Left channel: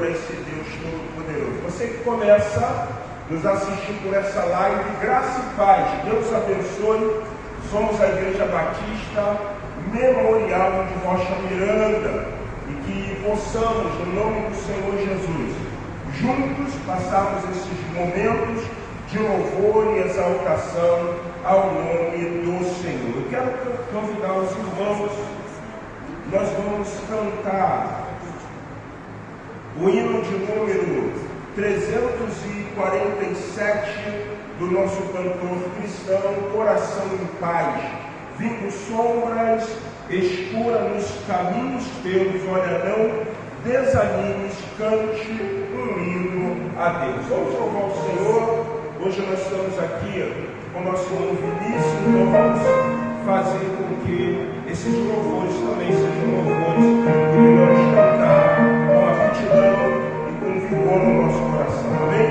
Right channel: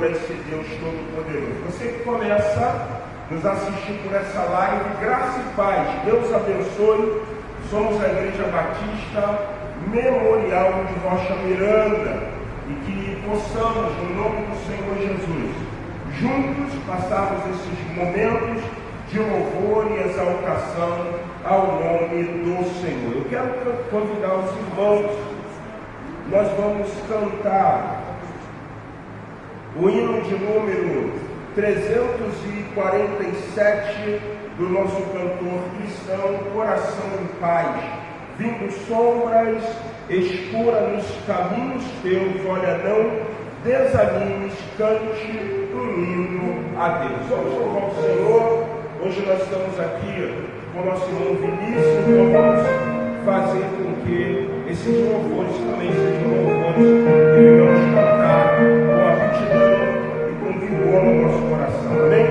Senhor, a esse Deus Todo-Poderoso. Você que começa nos assistir por essa live, graça e paz, Deus abençoe. Somos a Igreja Batista Memorial de Rocha Miranda, e que possamos, no nome do Senhor Jesus, juntos passarmos esses momentos de louvor e exaltação ao nome do Senhor. Eu quero convidar os irmãos, nós vamos cantar o hino de número 347 do nosso cantor cristão, Coração em Paz. Vindo sombras, escura nos caminhos teus, olha, não desanimes, cante um hino a Deus. Vamos louvar o Senhor. Hoje nós estamos aqui com o nosso irmão Vinícius, então vamos fazer com que esses louvores também sejam louvores que venhamos cantar com aptidão e com vigor no nosso coração. Amém?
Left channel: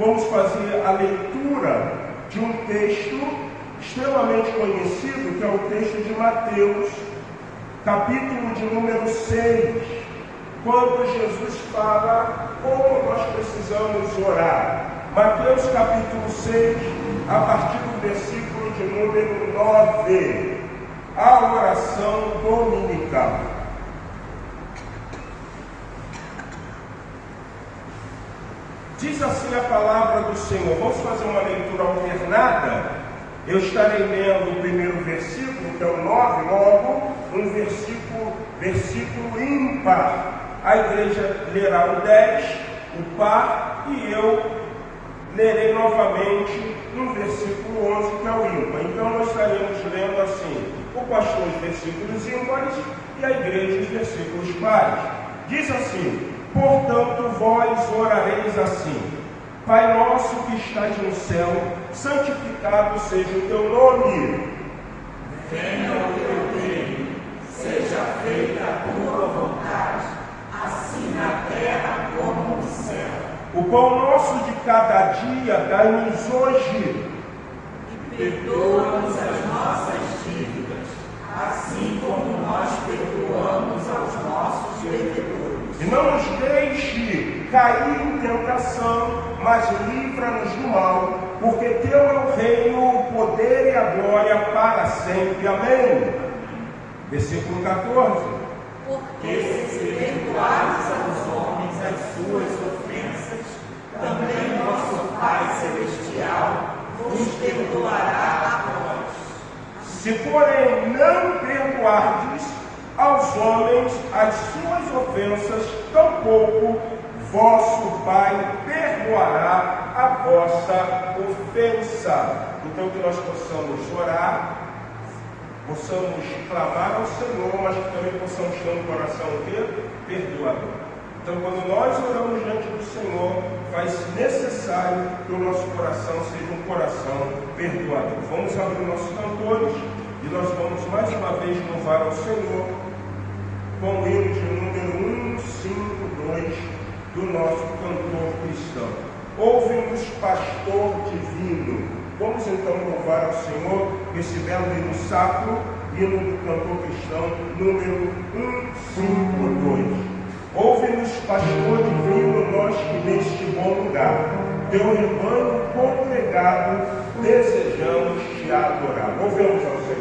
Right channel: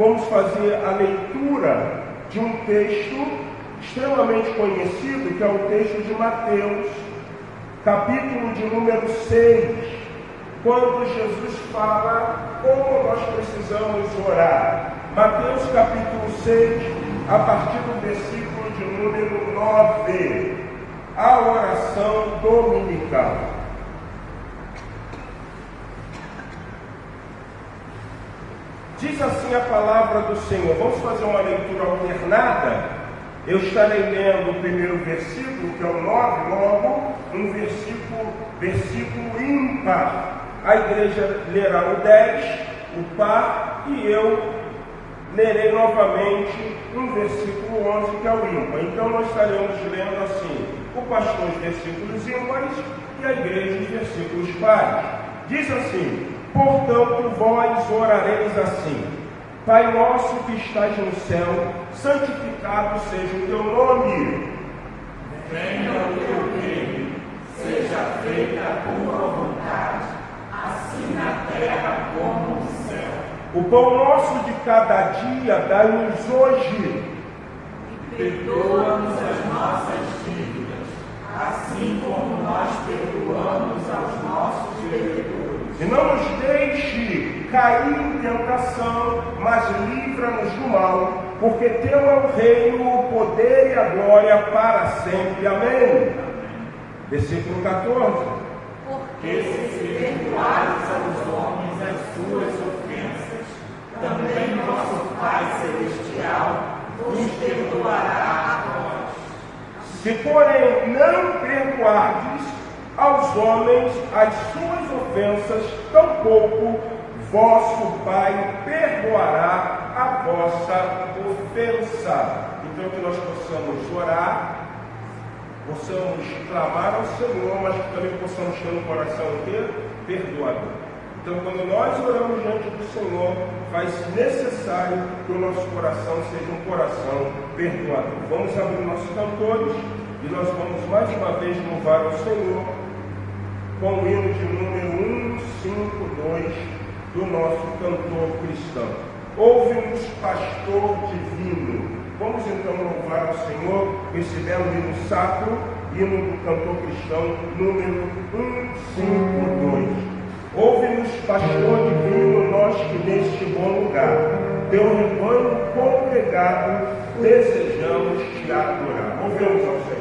Vamos fazer a leitura de um texto extremamente conhecido, que é o texto de Mateus, capítulo de número 6, quando Jesus fala como nós precisamos orar. Mateus capítulo 6, a partir do versículo de número 9, a oração dominical. Diz assim a palavra do Senhor. Vamos fazer uma leitura alternada. Eu estarei lendo o primeiro versículo, que é o 9, logo um versículo ímpar. A igreja lerá o 10, o par, e eu lerei novamente um versículo 11, que é o ímpar. Então nós estaremos lendo assim, o pastor os versículos ímpares e a igreja os versículos pares. Diz assim: portanto, vós orareis assim: Pai nosso que estás no céu, santificado seja o teu nome. Venha o teu reino, seja feita a tua vontade, assim na terra como no céu. O pão nosso de cada dia dai-nos hoje. E perdoa-nos as nossas dívidas, assim como nós perdoamos aos nossos devedores. E não nos deixe cair em tentação, mas livra-nos do mal, porque teu é o reino, o poder e a glória para sempre. Amém. Versículo 14. Porque se perdoares aos homens as suas ofensas, também nosso Pai Celestial vos perdoará a vós. Se, porém, não perdoardes aos homens as suas ofensas, tampouco vosso Pai perdoará a vossa ofensa. Então, que nós possamos orar, possamos clamar ao Senhor, mas que também possamos ter no coração o quê? Perdoador. Então, quando nós oramos diante do Senhor, faz necessário que o nosso coração seja um coração perdoador. Vamos abrir nossos cantores e nós vamos mais uma vez louvar ao Senhor com o hino de número 152 do nosso cantor cristão. Ouve-nos, pastor divino. Vamos então louvar ao Senhor com esse belo hino sacro, hino do cantor cristão, número 152. Ouve-nos, pastor divino, nós que neste bom lugar, teu rebanho congregado, desejamos te adorar. Ouvemos ao Senhor.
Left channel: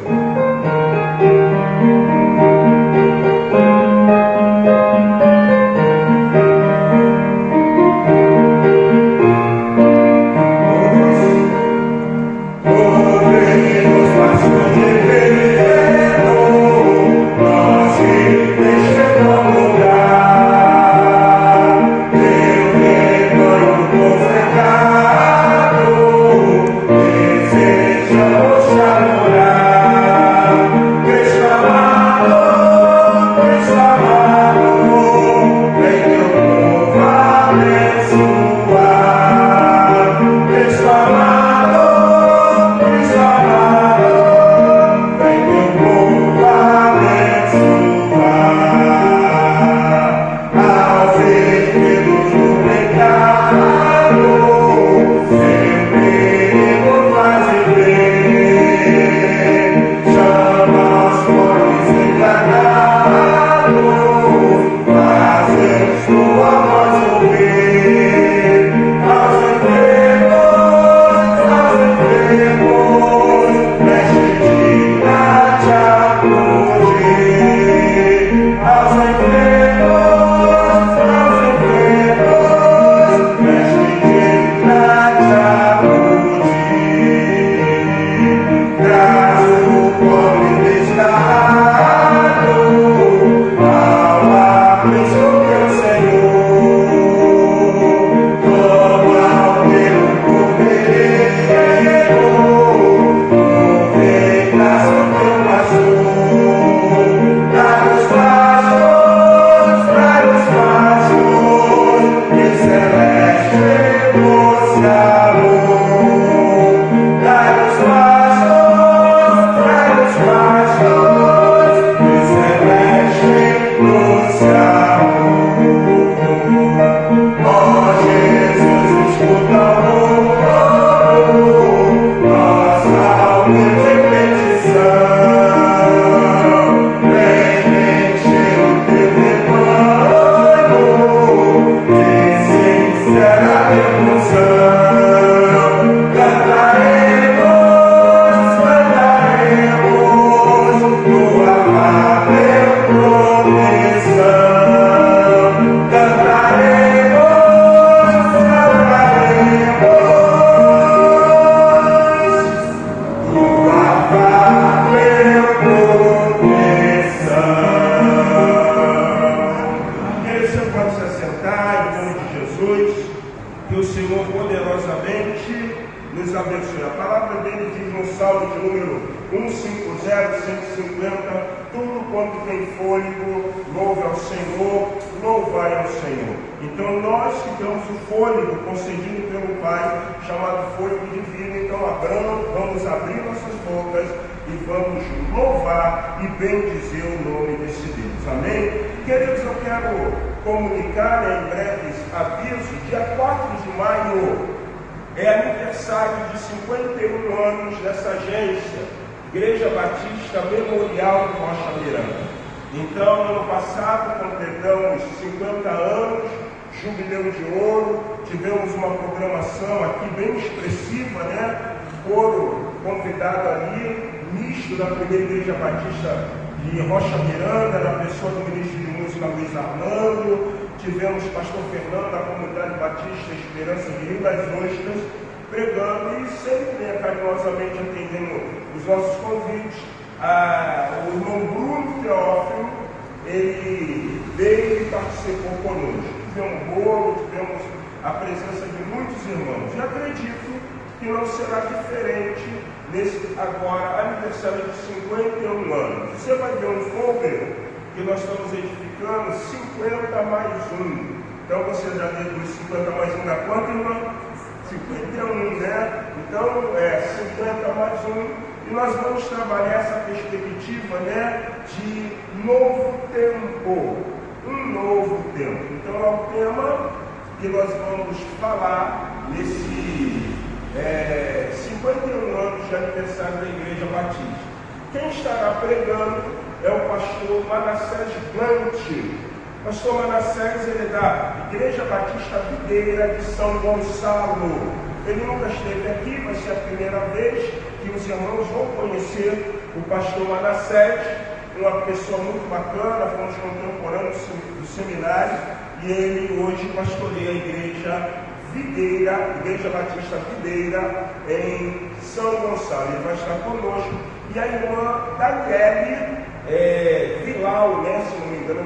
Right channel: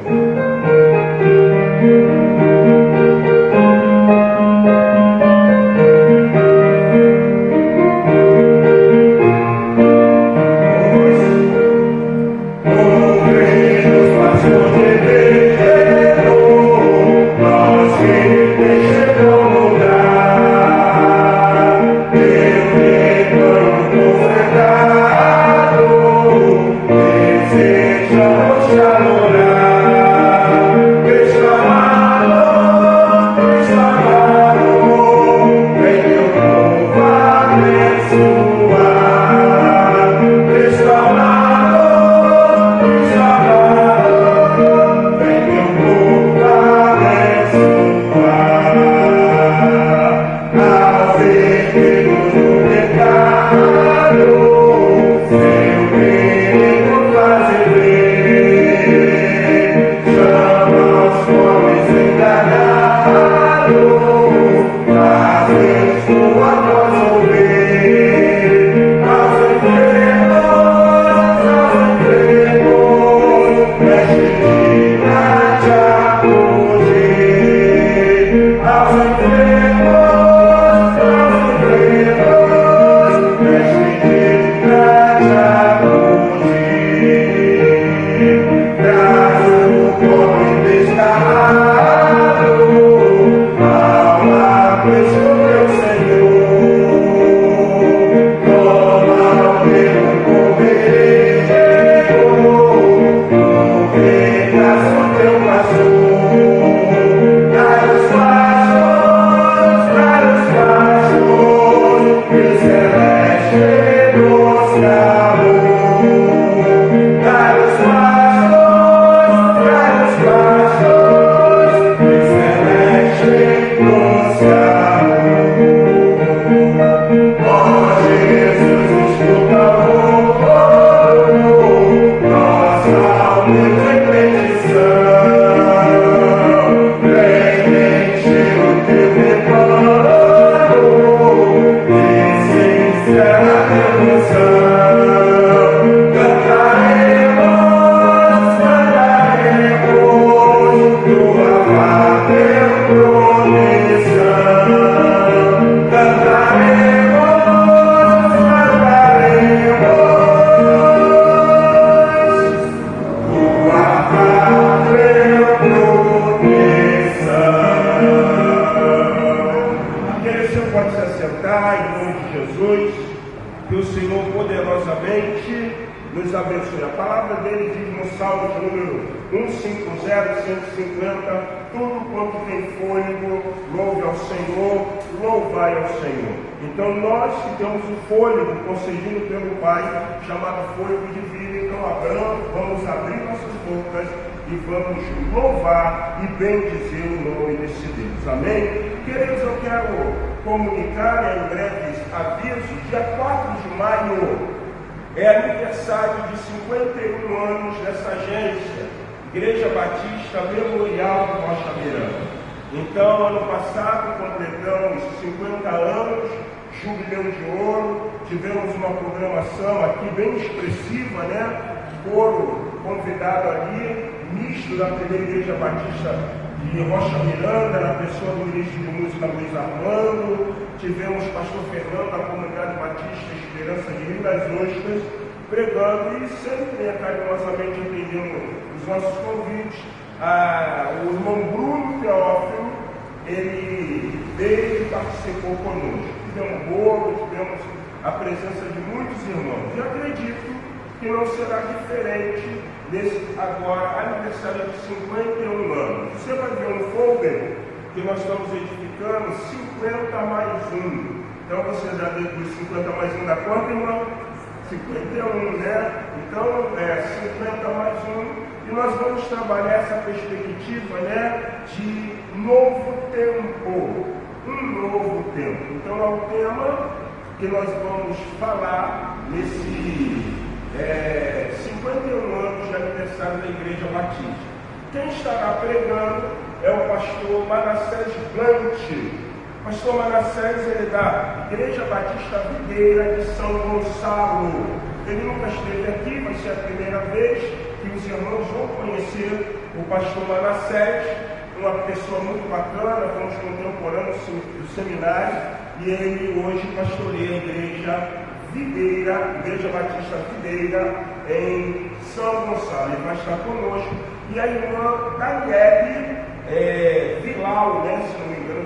Então nós que temos o fôlego concedido pelo Pai, chamado fôlego divino, então vamos abrir nossas bocas e vamos louvar e bendizer o nome desse Deus. Amém? Queridos, eu quero comunicar em breves aviso, dia 4 de maio é aniversário de 51 anos dessa agência, Igreja Batista Memorial de Rocha Miranda. Então, ano passado, completamos 50 anos, jubileu de ouro, tivemos uma programação aqui bem expressiva, né? Coro convidado ali, misto da primeira Igreja Batista de Rocha Miranda, na pessoa do ministro de Música Luiz Armando, tivemos o pastor Fernando da Comunidade Batista Esperança de Rio das Ostras, pregando e sempre carinhosamente atendendo os nossos convites. O irmão Bruno Teófilo, ele veio e participou conosco. Tivemos bolo, tivemos a presença de muitos irmãos. E acredito que não será diferente nesse agora aniversário de 51 anos. Você vai ver um folder que nós estamos edificando 50 mais 1. Então você já deduz 50 mais 1 dá quanto, irmão? 51, né? Então 50 mais 1. E nós vamos trabalhar essa perspectiva, né, de novo tempo. Um novo tempo. Então é o tema que nós vamos falar nesse 51 anos de aniversário da Igreja Batista. Quem estará pregando é o pastor Manassés Gante. Pastor Manassés, ele é da Igreja Batista Videira de São Gonçalo. Ele nunca esteve aqui, vai ser a primeira vez que os irmãos vão conhecer o pastor Manassés, uma pessoa muito bacana, fomos contemporâneos do seminário, e ele hoje pastoreia a Igreja Videira, Igreja Batista Videira, em São Gonçalo. Ele vai estar conosco. E a irmã Daniele Vilau, né? Se não me engano,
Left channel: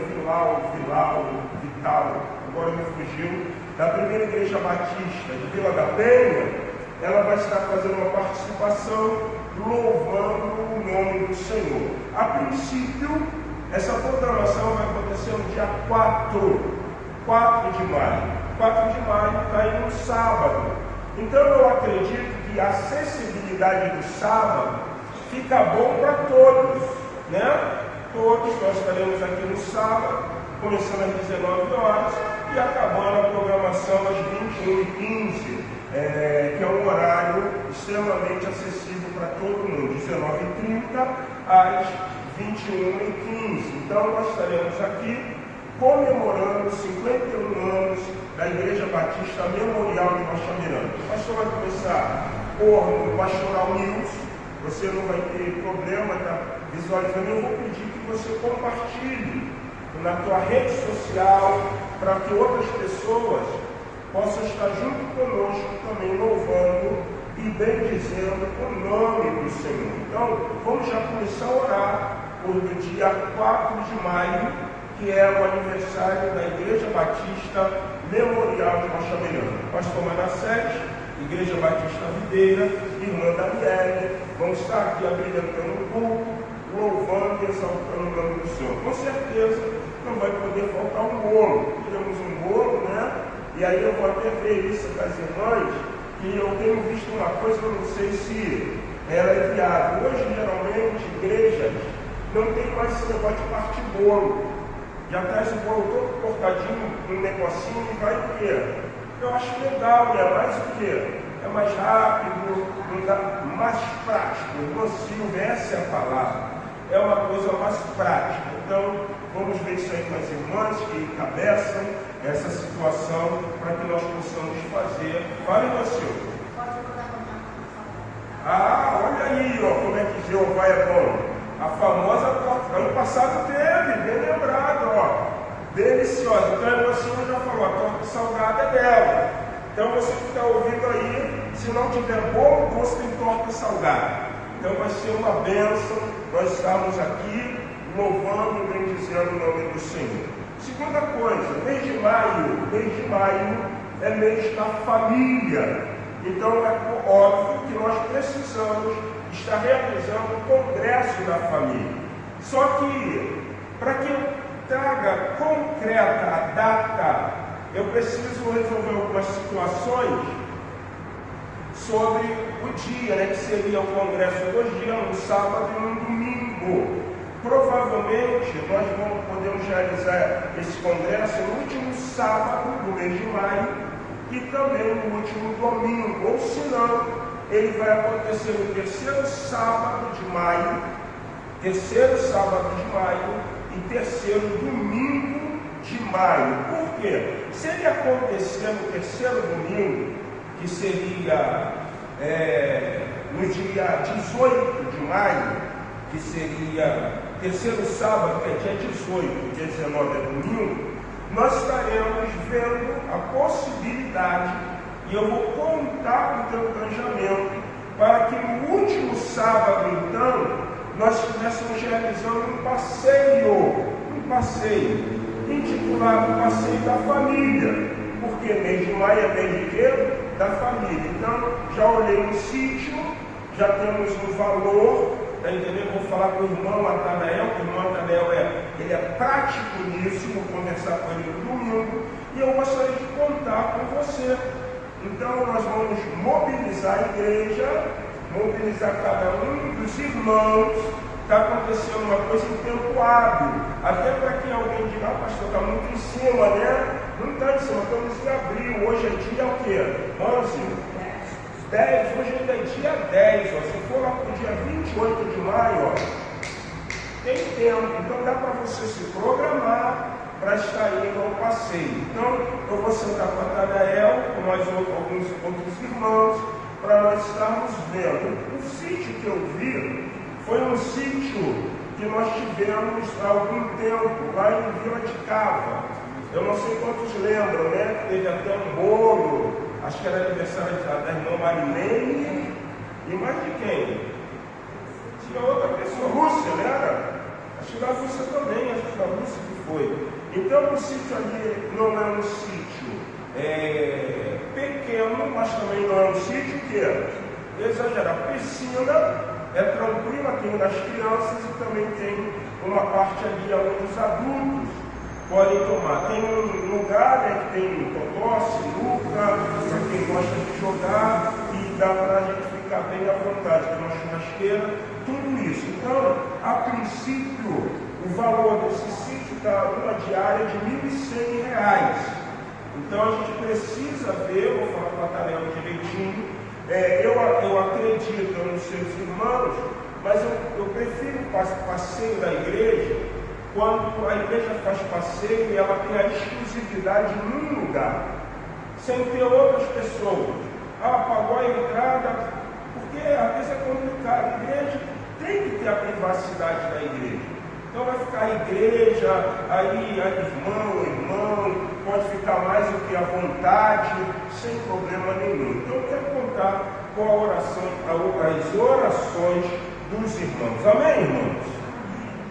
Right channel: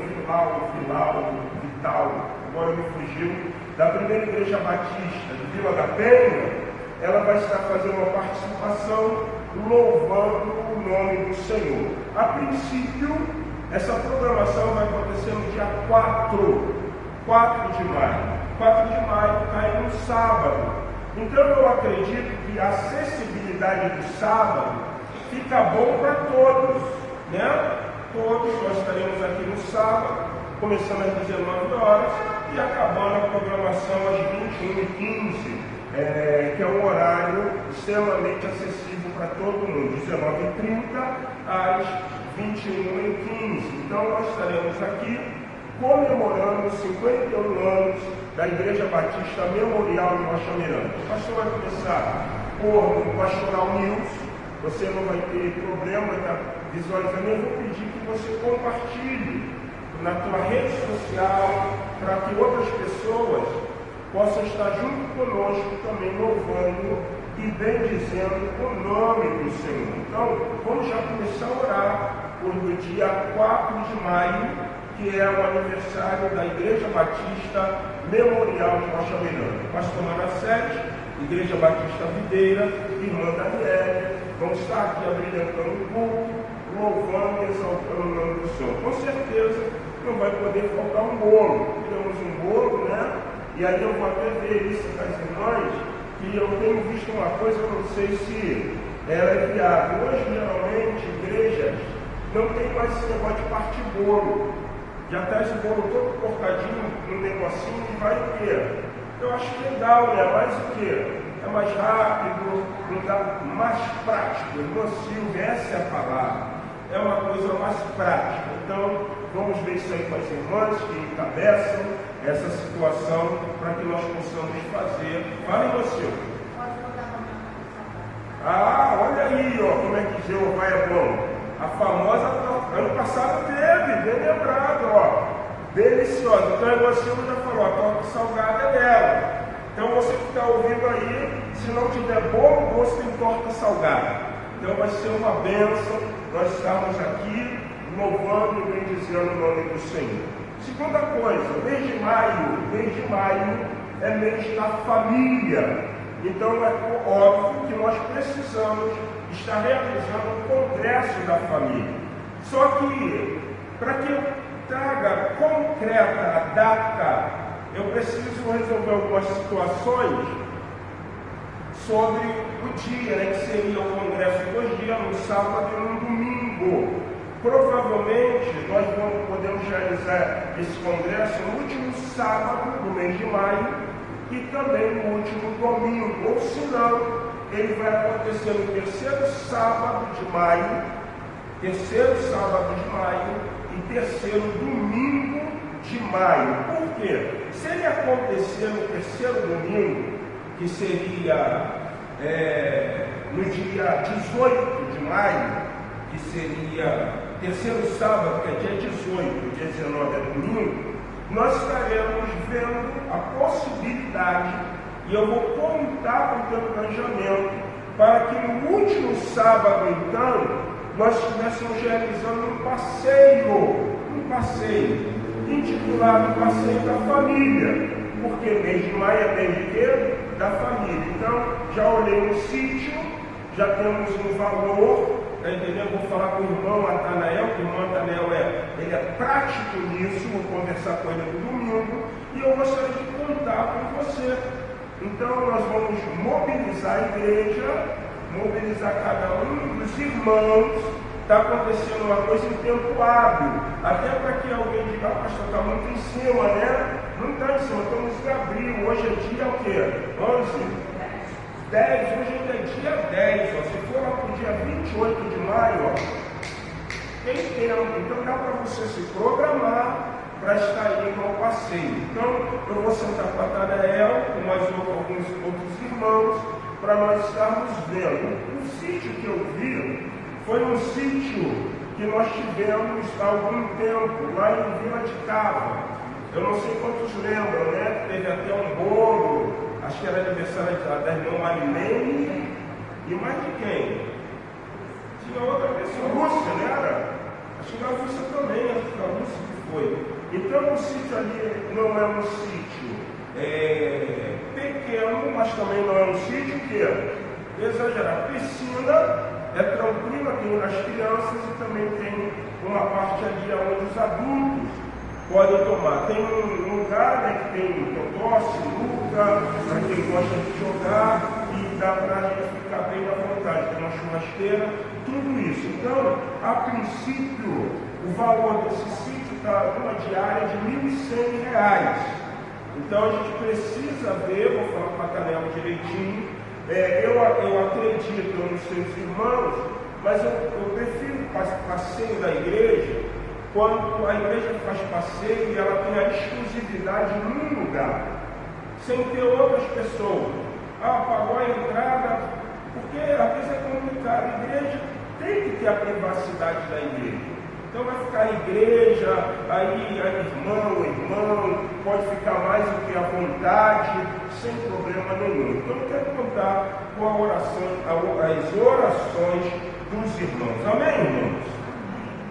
Vital, agora me fugiu, da primeira Igreja Batista de Vila da Penha. Ela vai estar fazendo uma participação louvando o nome do Senhor. A princípio, essa programação vai acontecer no dia 4 de maio. 4 de maio cai no sábado. Então eu acredito que a acessibilidade do sábado fica bom para todos, né? Todos nós estaremos aqui no sábado, começando às 19 horas e acabando a programação às 21h15, que é um horário extremamente acessível para todo mundo, 19h30 às 21h15. Então nós estaremos aqui comemorando 51 anos da Igreja Batista Memorial de Rocha Miranda. O pastor vai começar por o Pastoral News. Você não vai ter problema, tá visualizando. Eu vou pedir que você compartilhe na tua rede social para que outras pessoas possam estar junto conosco também louvando e bendizendo o nome do Senhor. Então, vamos já começar a orar por o dia 4 de maio, que é o aniversário da Igreja Batista Memorial de Rocha Miranda. Pastor Manassés, Igreja Batista Videira, irmã Daniele, vão estar aqui abrilhantando o culto, louvando e exaltando o nome do Senhor. Com certeza não vai poder faltar um bolo. Temos um bolo, né? E aí eu vou até ver isso das irmãs, que eu tenho visto uma coisa, eu não sei se ela é viável. Hoje, geralmente, igrejas não tem mais esse negócio de partir bolo. Já traz o bolo todo cortadinho, um negocinho e vai ver. Eu acho legal, é mais o quê? É mais rápido, mais prático. Irmão Silvio, essa é a palavra. É uma coisa mais prática. Então, vamos ver isso aí com as irmãs que encabeçam essa situação para que nós possamos fazer. Fala, irmão Silvio. Olha aí, ó, como é que Jeová é bom. A famosa, ano passado teve, bem lembrado, ó, deliciosa. Então a irmã Silvia já falou, a torta salgada é dela. Então você que está ouvindo aí, se não tiver bom doce, tem torta salgada. Então vai ser uma bênção nós estarmos aqui louvando e bendizendo o nome do Senhor. Segunda coisa, mês de maio é mês da família. Então é óbvio que nós precisamos estar realizando o Congresso da Família. Só que, para que eu traga concreta a data, eu preciso resolver algumas situações sobre o dia, né, que seria o Congresso 2 dias, no sábado e no domingo. Provavelmente nós podemos realizar esse congresso no último sábado do mês de maio e também no último domingo, ou se não, ele vai acontecer no terceiro sábado de maio e terceiro domingo de maio. Por quê? Se ele acontecer no terceiro domingo, que seria no dia 18 de maio, que seria terceiro sábado, que é dia 18, dia 19 é domingo, nós estaremos vendo a possibilidade, e eu vou contar com o teu planejamento, para que no último sábado, então, nós estivéssemos realizando um passeio, intitulado Passeio da Família, porque mês de maio é mês de quê? Da família. Então, já olhei no sítio, já temos um valor, tá entendendo? Vou falar com o irmão Natanael, que o irmão Natanael ele é prático nisso, vou conversar com ele no domingo, e eu gostaria de contar com você. Então, nós vamos mobilizar a igreja, mobilizar cada um dos irmãos. Está acontecendo uma coisa em tempo hábil, até para que alguém diga, pastor, está muito em cima, né? Não está em cima, estamos em abril, hoje é dia o quê? 11? 10, hoje ainda é dia 10, ó. Se for lá para o dia 28 de maio, ó, tem tempo, então dá para você se programar para estar indo ao passeio. Então, eu vou sentar com a Natanael, com mais alguns outros irmãos, para nós estarmos vendo. O sítio que eu vi foi um sítio que nós tivemos há algum tempo, lá em Vila de Cava. Eu não sei quantos lembram, né? Teve até um bolo, acho que era aniversário da irmã Marilene, e mais de quem? Tinha outra pessoa, Rússia, né? Acho que a Rússia também, acho que a Rússia que foi. Então o sítio ali não é um sítio pequeno, mas também não é um sítio que exagerar. Piscina, é tranquila, tem as crianças e também tem uma parte ali onde os adultos podem tomar. Tem um lugar, né, que tem totó, sinuca, para quem gosta de jogar, e dá para a gente ficar bem à vontade, tem uma churrasqueira, tudo isso. Então, a princípio, o valor desse sítio está numa diária de R$ 1.100. Então, a gente precisa ver, vou falar para a Natanael direitinho. Eu acredito nos seus irmãos, mas eu prefiro o passeio da igreja quando a igreja faz passeio e ela tem a exclusividade num lugar, sem ter outras pessoas. Pagou a entrada, porque às vezes é complicado. A igreja tem que ter a privacidade da igreja. Então vai ficar a igreja, aí a irmão, pode ficar mais do que à vontade, sem problema nenhum. Então eu quero contar com a oração, as orações dos irmãos. Amém, irmãos?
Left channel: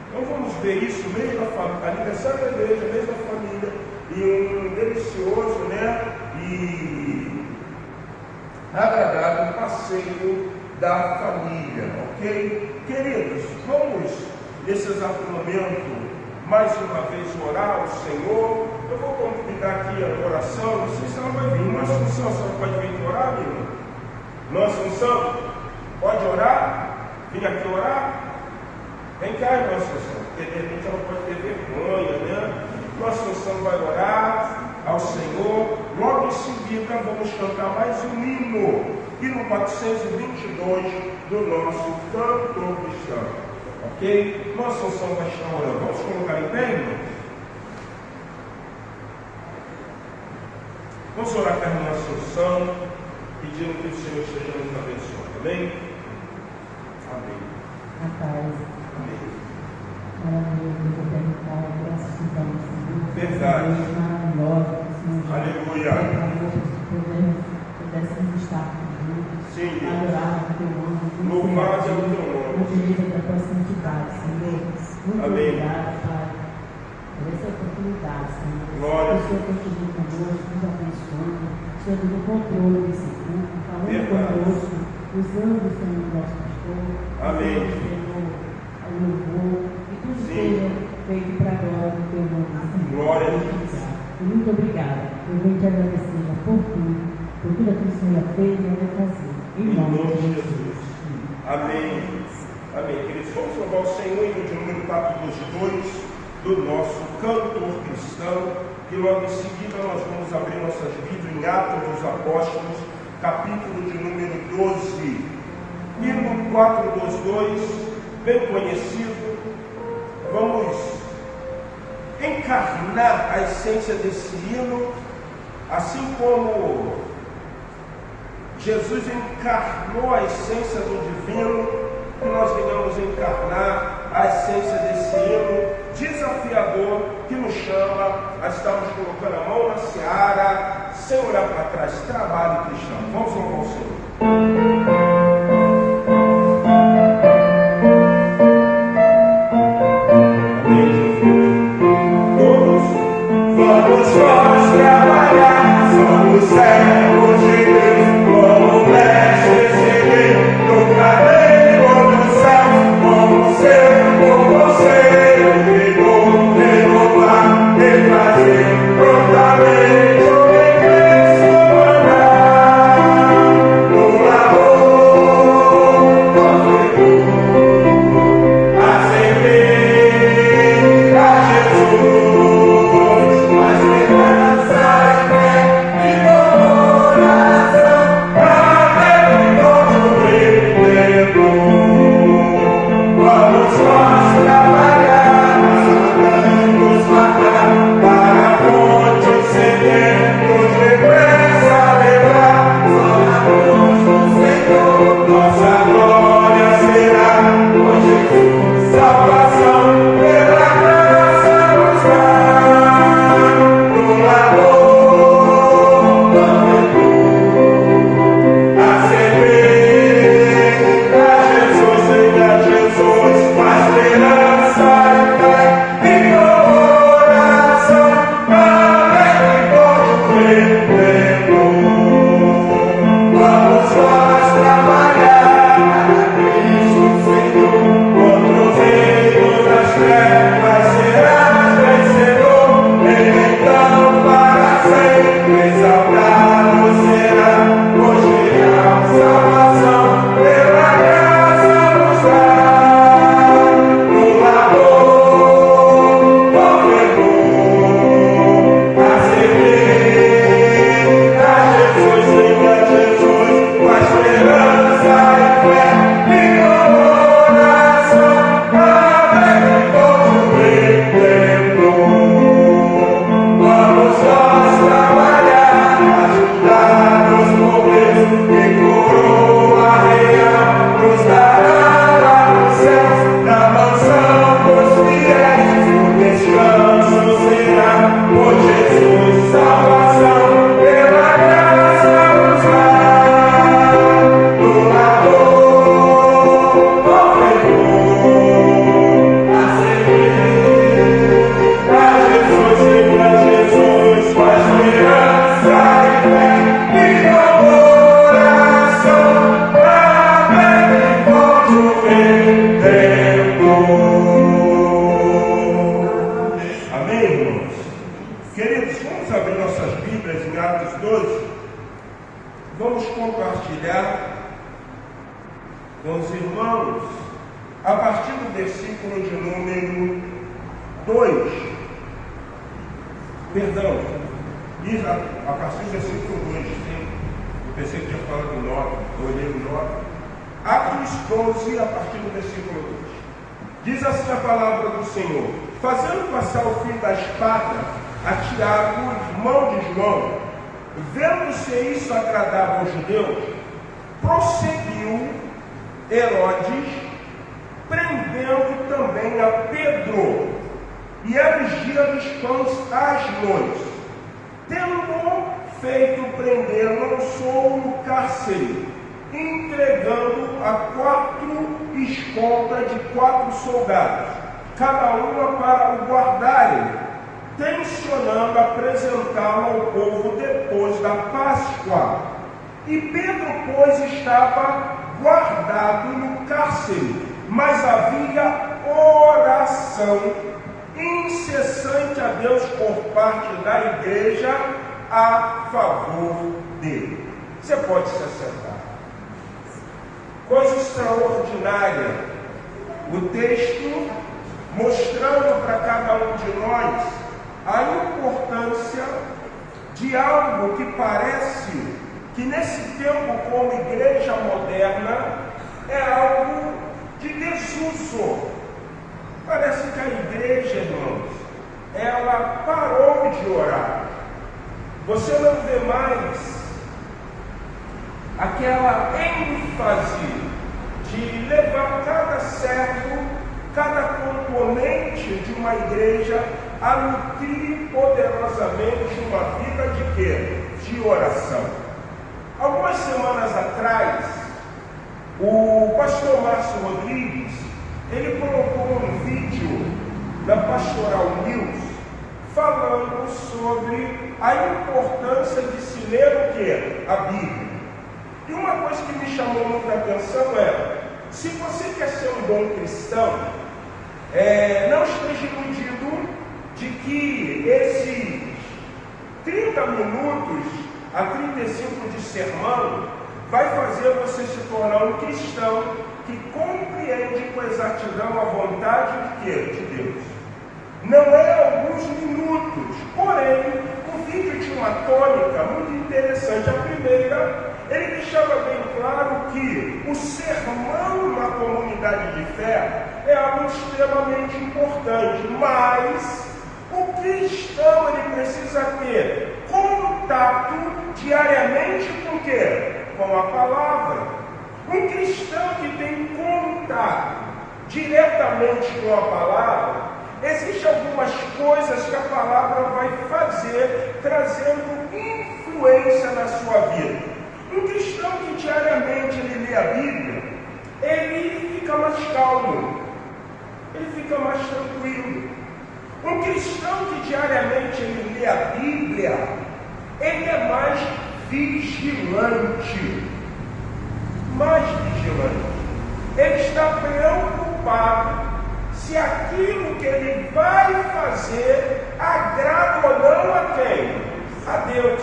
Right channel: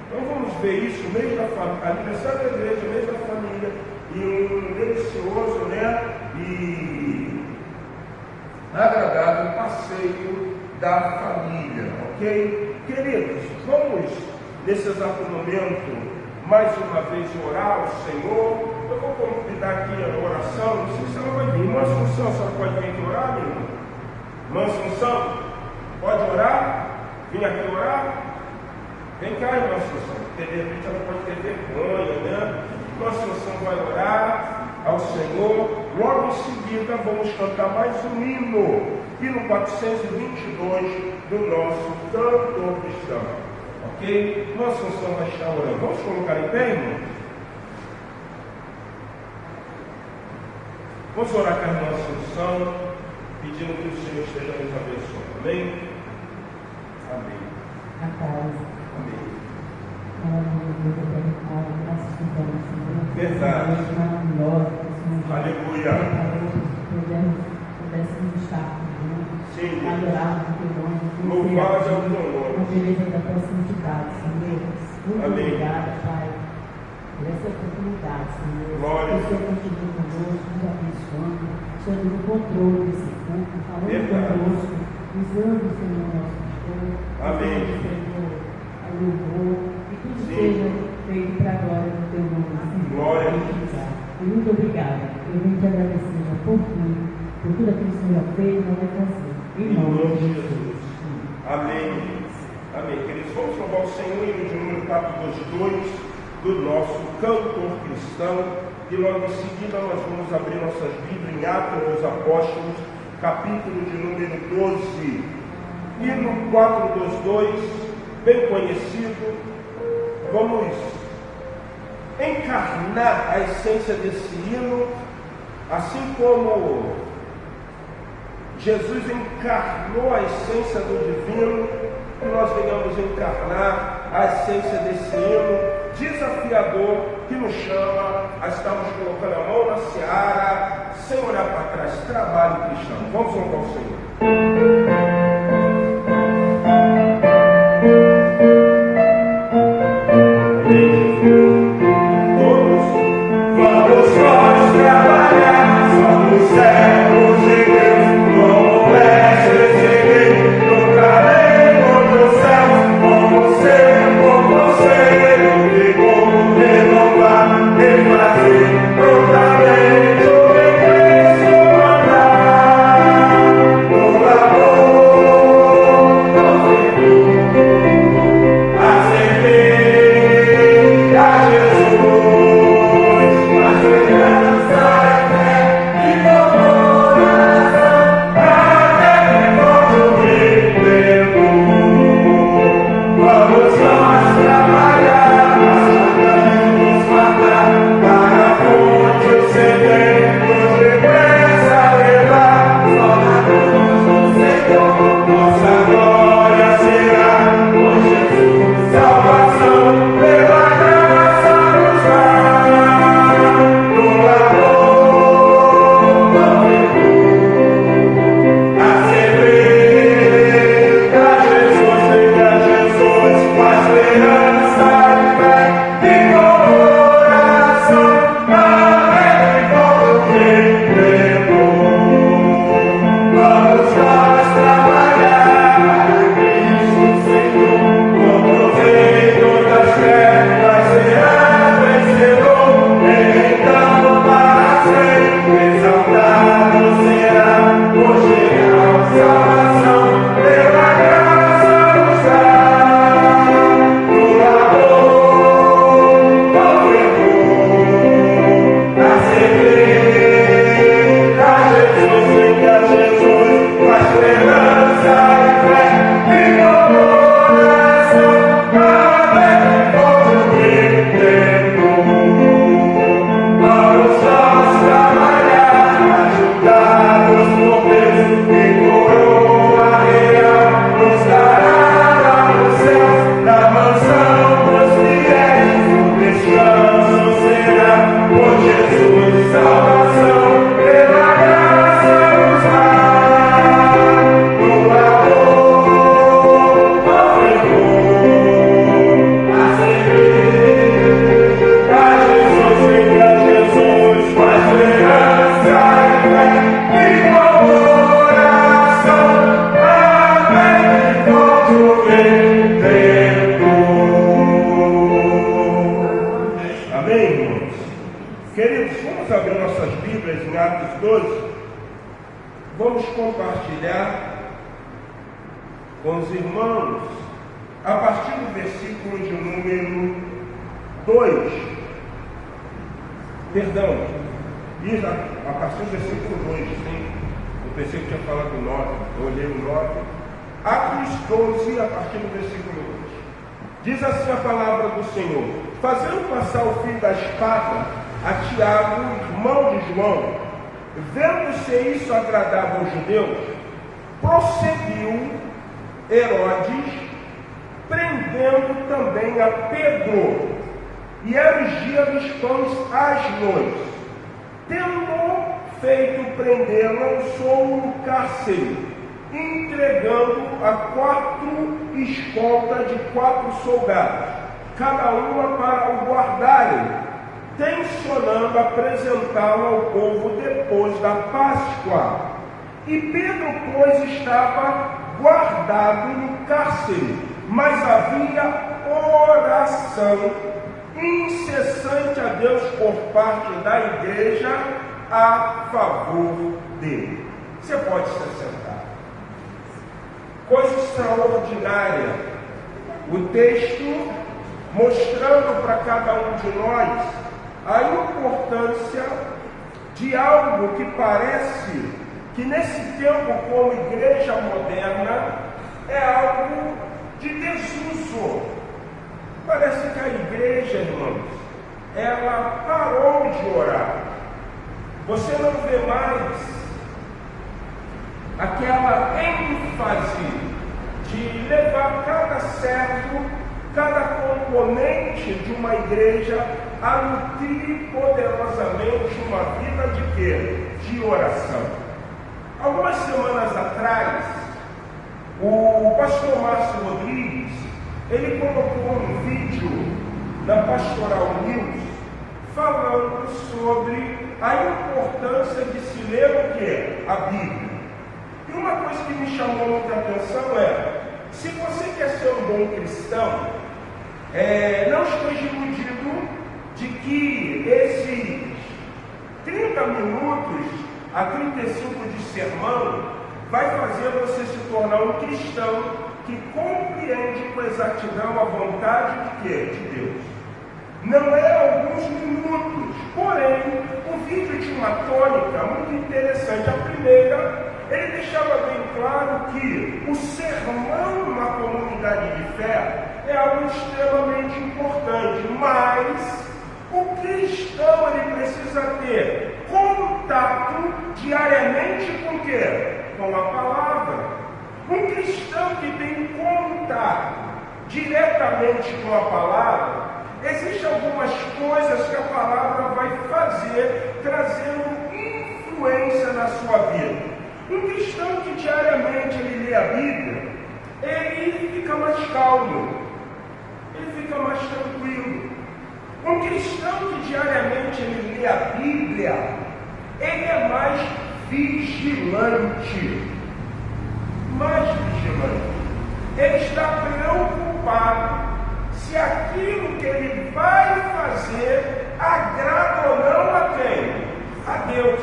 Então vamos ver isso, mês da família, aniversário da igreja, mês da família, e um delicioso, né? E agradável passeio da família, ok? Queridos, vamos nesse exato momento, mais uma vez, orar ao Senhor. Eu vou convidar aqui a oração, não sei se ela vai vir. Irmã Assunção, a senhora pode vir orar, amigo? Irmã Assunção, pode orar? Vim aqui orar? Vem cá, irmã Assunção, porque de repente ela pode ter vergonha, né? Irmã Assunção vai orar ao Senhor. Logo em seguida, vamos cantar mais um hino 422 do nosso cantor cristão. Ok? Nossa Assunção vai estar orando. Vamos colocar em pé, irmão? Vamos orar com a irmã Assunção, pedindo que o Senhor esteja nos abençoando. Amém? Amém. A paz. Amém. Verdade. Aleluia. Pudéssemos estar juntos, Sim. adorar o teu nome, Louvado é o teu nome. na beleza da tua santidade, Senhor. Muito Amém. obrigada, Pai, por essa oportunidade, Senhor. Glória. O Senhor continua conosco, nos abençoando, o Senhor tem o controle desse culto, falando Verdade. conosco, usando o Senhor nosso pastor, Amém. usando o Senhor a louvor, e tudo Sim. seja feito para a glória do teu nome, Senhor. Glória a Muito Deus. obrigada. E muito obrigada. Eu venho te agradecendo por tudo aquilo que o Senhor fez e vai fazer. Em Em nome nome de de Jesus. Amém. Amém. Queridos, vamos louvar o Senhor em número 422, do nosso cantor cristão, que logo em seguida nós vamos abrir nossas Bíblias em Atos dos Apóstolos, capítulo de número 12. Hino 422, bem conhecido. Vamos encarnar a essência desse hino, assim como Jesus encarnou a essência do divino, que nós venhamos encarnar a essência desse hino desafiador que nos chama a estarmos colocando a mão na seara, sem olhar para trás. Trabalho cristão. Vamos louvar o Senhor. Diz assim a palavra do Senhor: fazendo passar o fio da espada a Tiago, irmão de João, vendo se isso agradava aos judeus, prosseguiu Herodes, prendendo também a Pedro, e erigia dos pães às noites. Tendo feito prender, lançou-o no cárcere, entregando a 4 escoltas de 4 soldados, cada uma para o guardarem, tencionando apresentá-lo ao povo depois da Páscoa. E Pedro, pois, estava guardado no cárcere, mas havia oração incessante a Deus por parte da igreja a favor dele. Você pode se assentar. Coisa extraordinária. O texto mostrando para cada um de nós a importância de algo que parece que nesse tempo, como igreja moderna, é algo de desuso. Parece que a igreja, irmãos, ela parou de orar. Você não vê mais aquela ênfase de levar cada servo, cada componente de uma igreja a nutrir poderosamente uma vida de quê? De oração. Algumas semanas atrás, o pastor Márcio Rodrigues, ele colocou um vídeo da Pastoral News falando sobre a importância de se ler o quê? A Bíblia. E uma coisa que me chamou muita atenção é, se você quer ser um bom cristão, não esteja iludido de que esses 30 minutos a 35 de sermão vai fazer você se tornar um cristão que compreende com exatidão a vontade de quê? De Deus. Não é alguns minutos, porém, o vídeo tinha uma tônica muito interessante. A primeira, ele deixava bem claro que o sermão numa comunidade de fé é algo extremamente importante, mas o cristão ele precisa ter contato diariamente com o quê? Com a palavra. Um cristão que tem contato diretamente com a palavra, existem algumas coisas que a palavra vai fazer, trazendo influência na sua vida. Um cristão que diariamente ele lê a Bíblia, ele fica mais calmo, ele fica mais tranquilo. Um cristão que diariamente ele lê a Bíblia, ele é mais vigilante. Mais vigilante. Ele está preocupado se aquilo que ele vai fazer agrada ou não a quem? A Deus.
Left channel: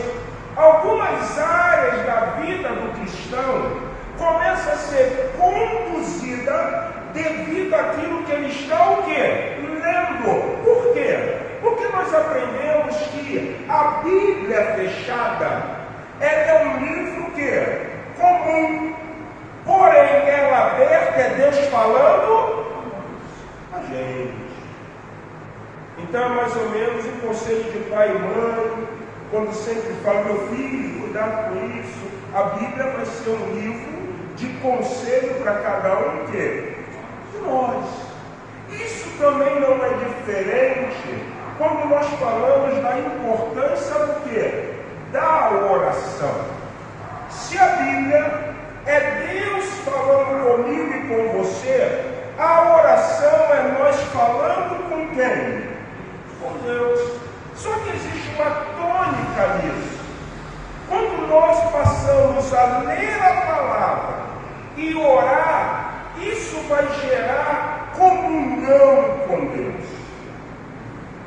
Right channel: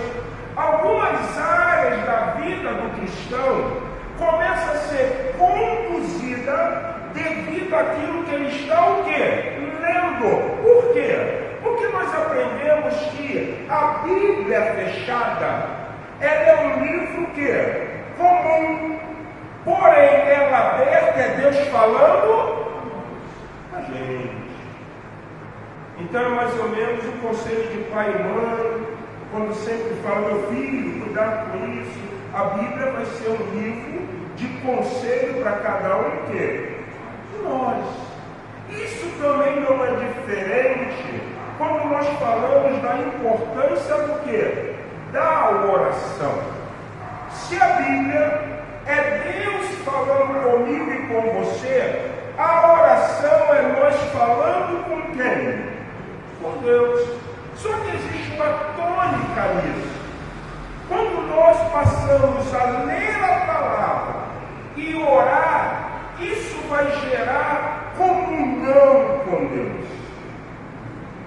Algumas áreas da vida do cristão começam a ser conduzida devido àquilo que ele está o quê? Lendo. Por quê? Porque nós aprendemos que a Bíblia fechada, ela é um livro que comum, porém ela aberta é Deus falando a gente. Então é mais ou menos o conceito de pai e mãe, quando sempre fala, meu filho, cuidado com isso. A Bíblia vai ser um livro de conselho para cada um que nós. Isso também não é diferente quando nós falamos da importância do quê? Da oração. Se a Bíblia é Deus falando comigo e com você, a oração é nós falando com quem? Com Deus. Só que existe uma tônica nisso. Quando nós passamos a ler a palavra e orar, isso vai gerar comunhão com Deus.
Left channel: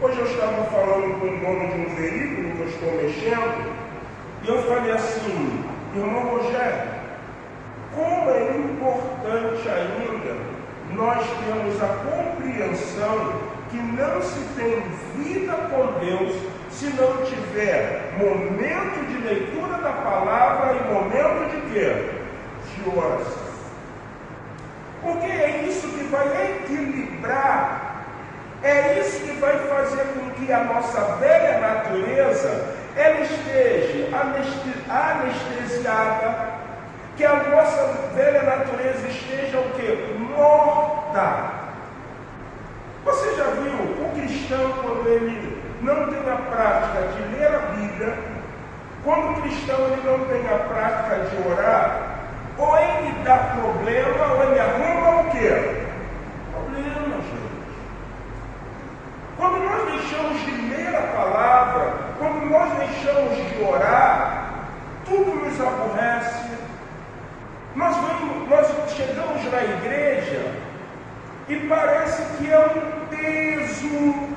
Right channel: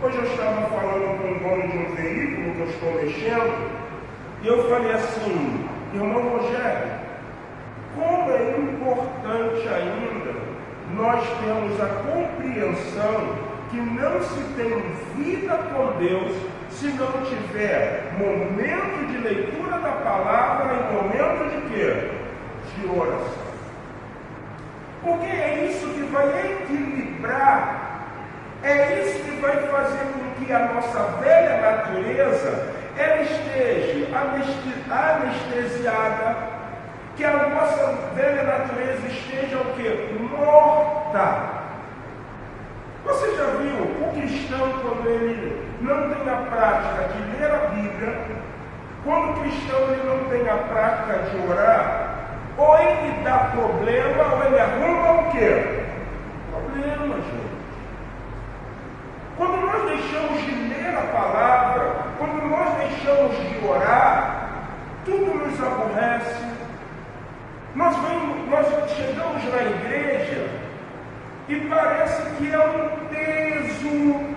Hoje eu estava falando com o dono de um veículo que eu estou mexendo, e eu falei assim, irmão Rogério, como é importante ainda nós termos a compreensão que não se tem vida com Deus se não tiver momento de leitura da palavra e momento de quê? De oração. Porque é isso que vai equilibrar, é isso que vai fazer com que a nossa velha natureza ela esteja anestesiada, que a nossa velha natureza esteja o quê? Morta. Você já viu o cristão quando ele não tem a prática de ler a Bíblia, quando o cristão ele não tem a prática de orar, ou ele dá problema, ou ele arruma o quê? Problema, gente. Quando nós deixamos de ler a palavra, quando nós deixamos de orar, tudo nos aborrece. Nós chegamos na igreja e parece que é um peso.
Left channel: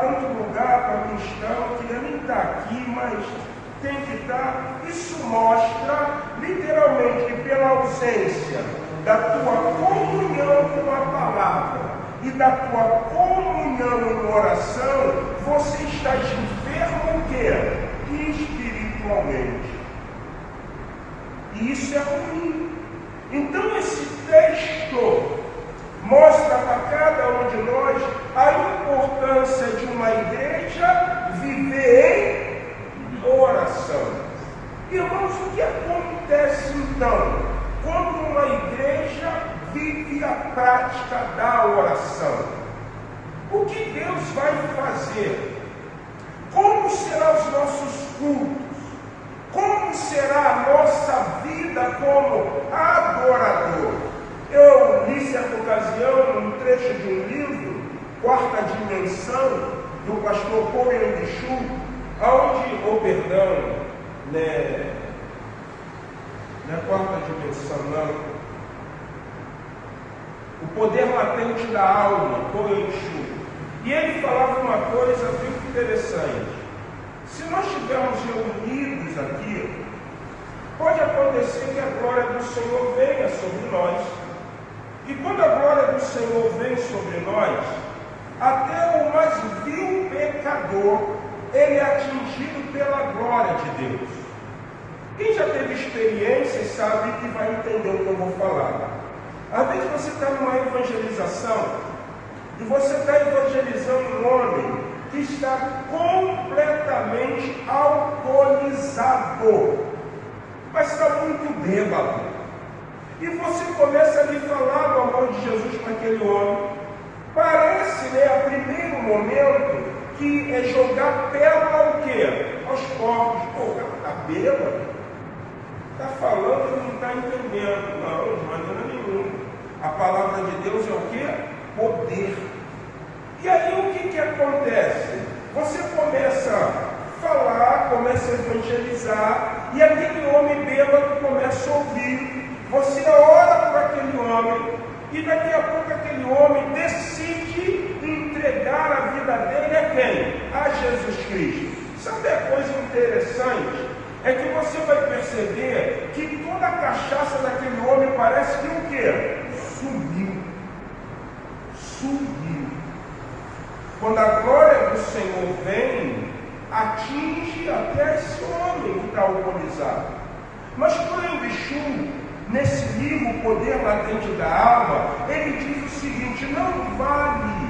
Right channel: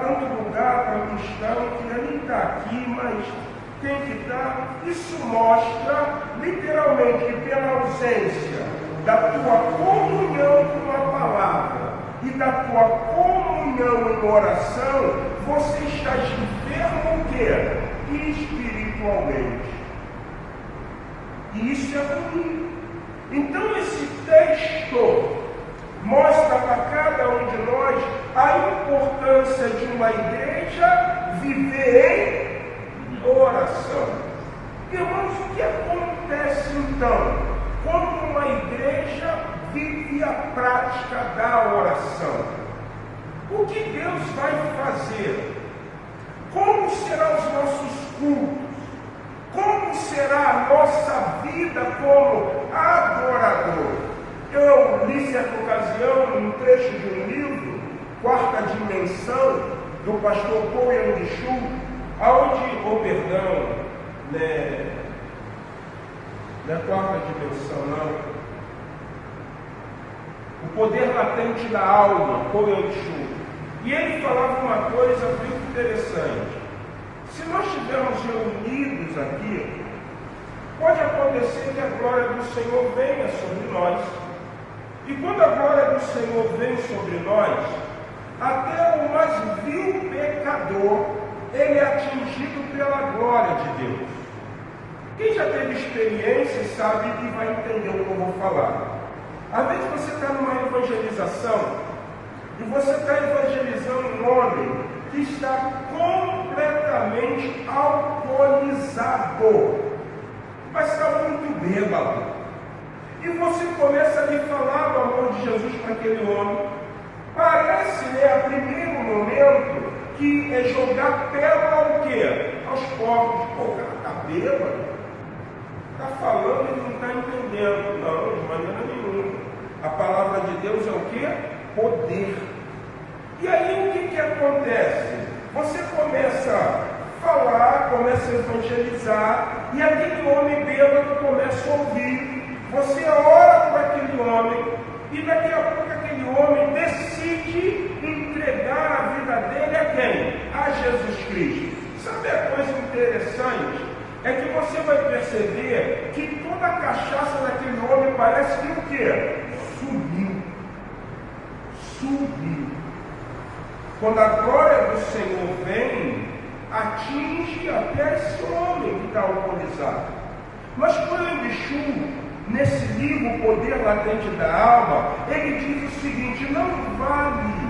Tanto lugar para cristão, eu queria nem estar aqui, mas tem que estar. Isso mostra, literalmente, que pela ausência da tua comunhão com a palavra, e da tua comunhão em oração, você está enfermo o quê? Espiritualmente. E isso é ruim. Então esse texto mostra para cada um de nós a importância de uma igreja viver em oração. Irmãos, o que acontece então quando uma igreja vive a prática da oração? O que Deus vai fazer? Como serão os nossos cultos? Como será a nossa vida como adorador? Eu li certa ocasião um trecho de um livro, Quarta Dimensão, do pastor Paul Yong-Chu, não é Quarta Dimensão, não. O poder latente da alma, Paul Yong-Chu. E ele falava uma coisa muito interessante. Se nós estivermos reunidos aqui, pode acontecer que a glória do Senhor venha sobre nós. E quando a glória do Senhor vem sobre nós, até o mais vil pecador, ele é atingido pela glória de Deus. Quem já teve experiência sabe que vai entender o que eu vou falar. Às vezes você está numa evangelização, e você está evangelizando um homem que está completamente alcoolizado, mas está muito bêbado. E você começa a lhe falar do amor de Jesus para aquele homem. Parece, a primeiro momento, que é jogar pedra ao quê? Aos pobres. Pô, o cara está bêbado, está falando e não está entendendo. Não, de maneira nenhuma. A palavra de Deus é o quê? Poder. E aí o que acontece? Você começa a falar, começa a evangelizar, e aquele homem bêbado começa a ouvir. Você ora por aquele homem, e daqui a pouco aquele homem decide entregar a vida dele a quem? A Jesus Cristo. Sabe a coisa interessante? É que você vai perceber que toda a cachaça daquele homem parece que o quê? Subiu. Quando a glória do Senhor vem, atinge até esse homem que está alcoolizado. Mas Yong-Chu, nesse livro, O Poder Latente da Alma, ele diz o seguinte: não vale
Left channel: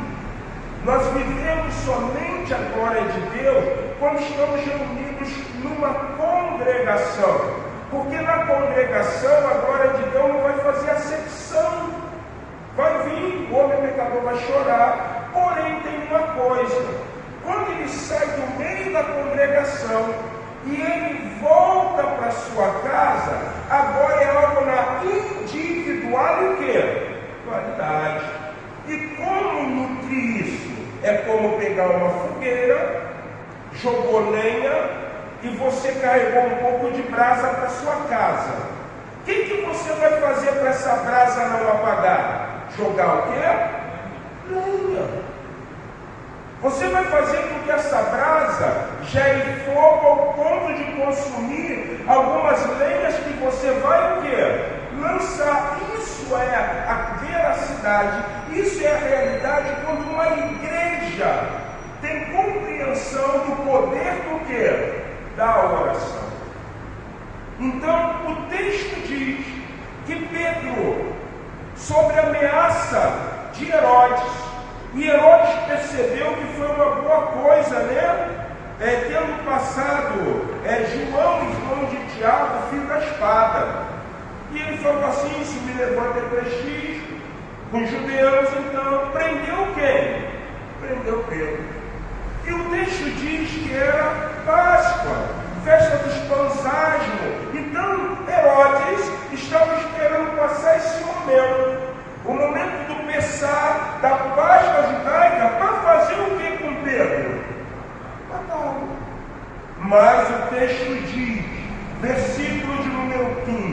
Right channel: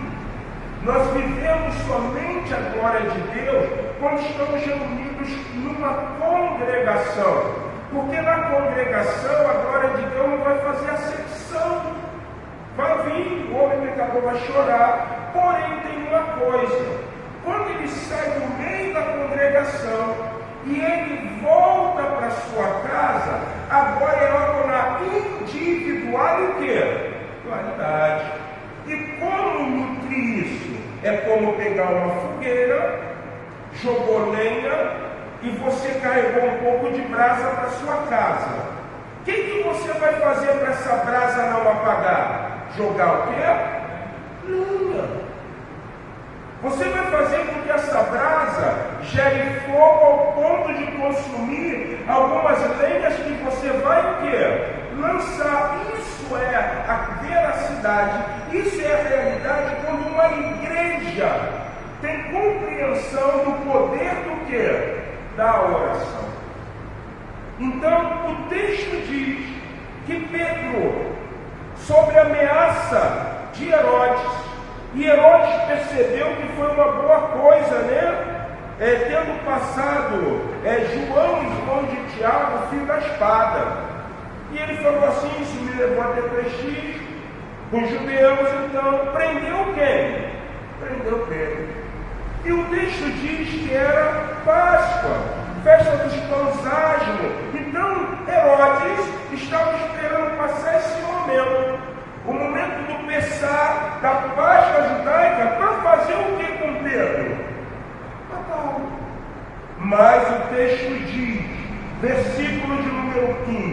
nós vivemos somente a glória de Deus quando estamos reunidos numa congregação, porque na congregação a glória de Deus não vai fazer acepção. Vai vir, o homem pecador vai chorar. Porém, tem uma coisa: quando ele sai do meio da congregação e ele volta para sua casa, agora é algo na individualidade. E como nutrir isso? É como pegar uma fogueira, jogou lenha e você carregou um pouco de brasa para sua casa. O que você vai fazer para essa brasa não apagar? Jogar o quê? Lenha. Você vai fazer com que essa brasa gere fogo ao ponto de consumir algumas lenhas que você vai o quê? Lançar. Isso é a veracidade, isso é a realidade quando uma igreja tem compreensão do poder do quê? Da oração. Então, o texto diz que Pedro, sobre a ameaça de Herodes, e Herodes percebeu que foi uma boa coisa, tendo passado João, irmão de Tiago, filho da espada. E ele falou assim: isso me levou a ter prestígio com os judeus, então prendeu quem? Prendeu Pedro. E o texto diz que era Páscoa, festa dos pães asmos. Então Herodes estava esperando passar esse momento, o momento do Pessá, da Páscoa judaica, para fazer o que com Pedro? Matá-lo. Mas o texto diz, versículo de número 5:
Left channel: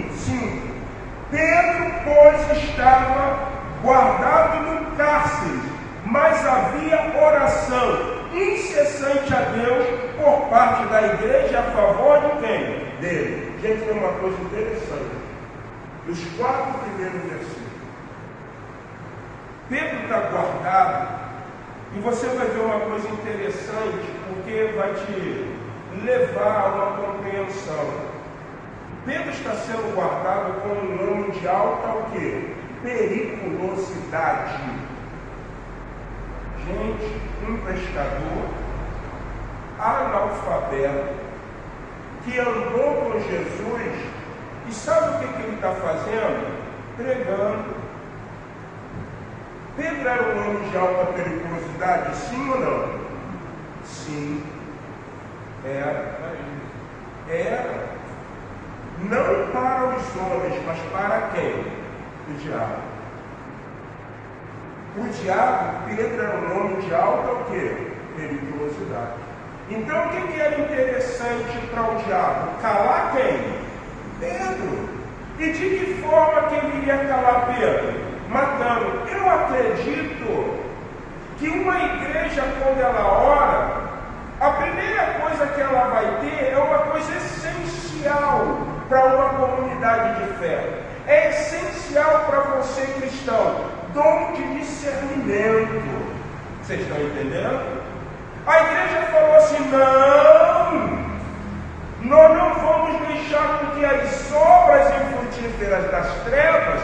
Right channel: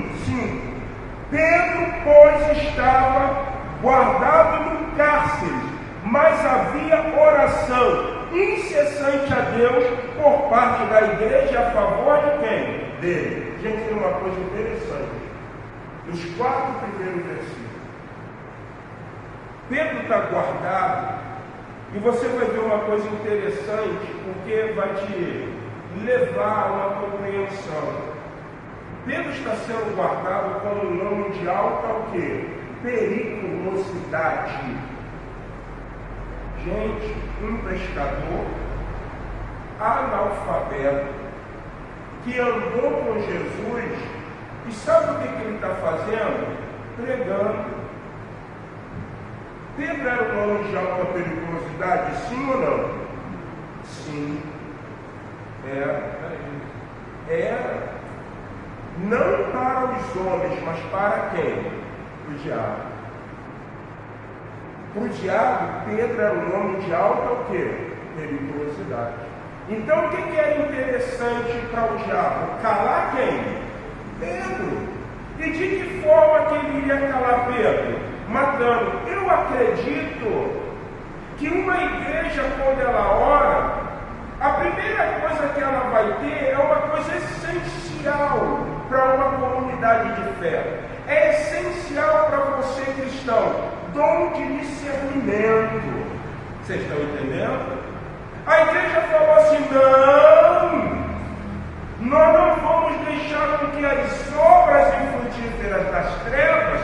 Pedro, pois, estava guardado no cárcere, mas havia oração incessante a Deus por parte da igreja a favor de quem? Dele. Gente, tem uma coisa interessante. Os 4 primeiros versículos. Pedro está guardado, e você vai ver uma coisa interessante, porque vai te levar a uma compreensão. Pedro está sendo guardado com um nome de alta o quê? Periculosidade. Gente, um pescador analfabeto que andou com Jesus, e sabe o que ele está fazendo? Pregando. Pedro era um nome de alta periculosidade, sim ou não? Sim. Era. Não para os homens, mas para quem? O diabo. Para o diabo, Pedro era um nome de alta o quê? Periculosidade. Então, o que era interessante para o diabo? Calar quem? Pedro. E de que forma que ele ia calar Pedro? Matando. Eu acredito que uma igreja, quando ela ora, a primeira coisa que ela vai ter é uma coisa essencial para uma comunidade de fé. É essencial para você, cristão, dom de discernimento. Vocês estão entendendo? A igreja falou assim: nós não vamos deixar com que as obras infrutíferas das trevas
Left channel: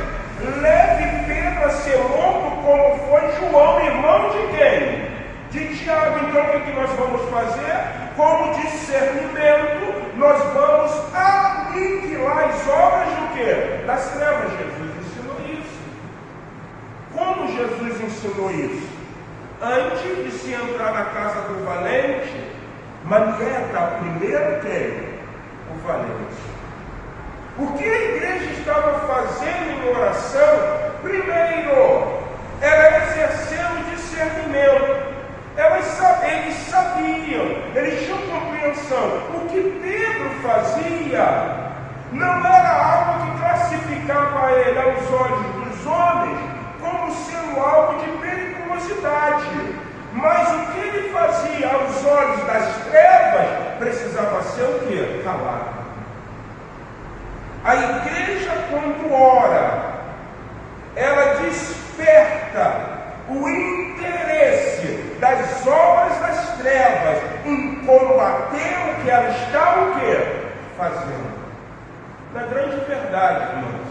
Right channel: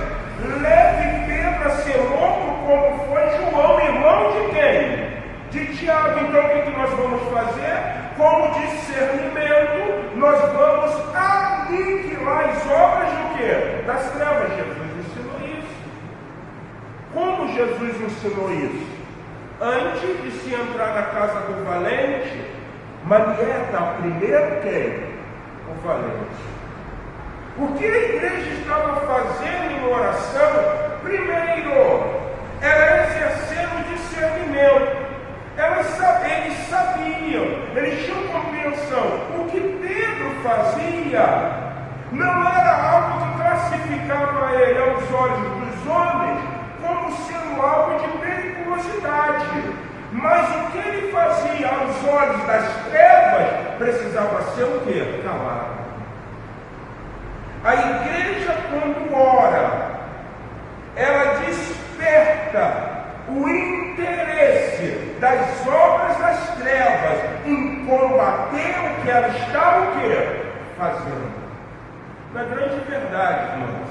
leve Pedro a ser morto, como foi João, irmão de quem? De Tiago. Então o que nós vamos fazer? Como discernimento, nós vamos aniquilar as obras do quê? Das trevas. Jesus ensinou isso. Como Jesus ensinou isso? Antes de se entrar na casa do valente, manieta primeiro quem? O valente. O que a igreja estava fazendo em oração, primeiro, era exercer o discernimento. Eles sabiam, eles tinham compreensão. O que Pedro fazia não era algo que classificava ele aos olhos dos homens como sendo algo de periculosidade. Mas o que ele fazia aos olhos das trevas precisava ser o quê? Calado. A igreja, quando ora, ela desperta o interesse das obras das trevas em combater o que ela está o quê? Fazendo. Na grande verdade, irmãos,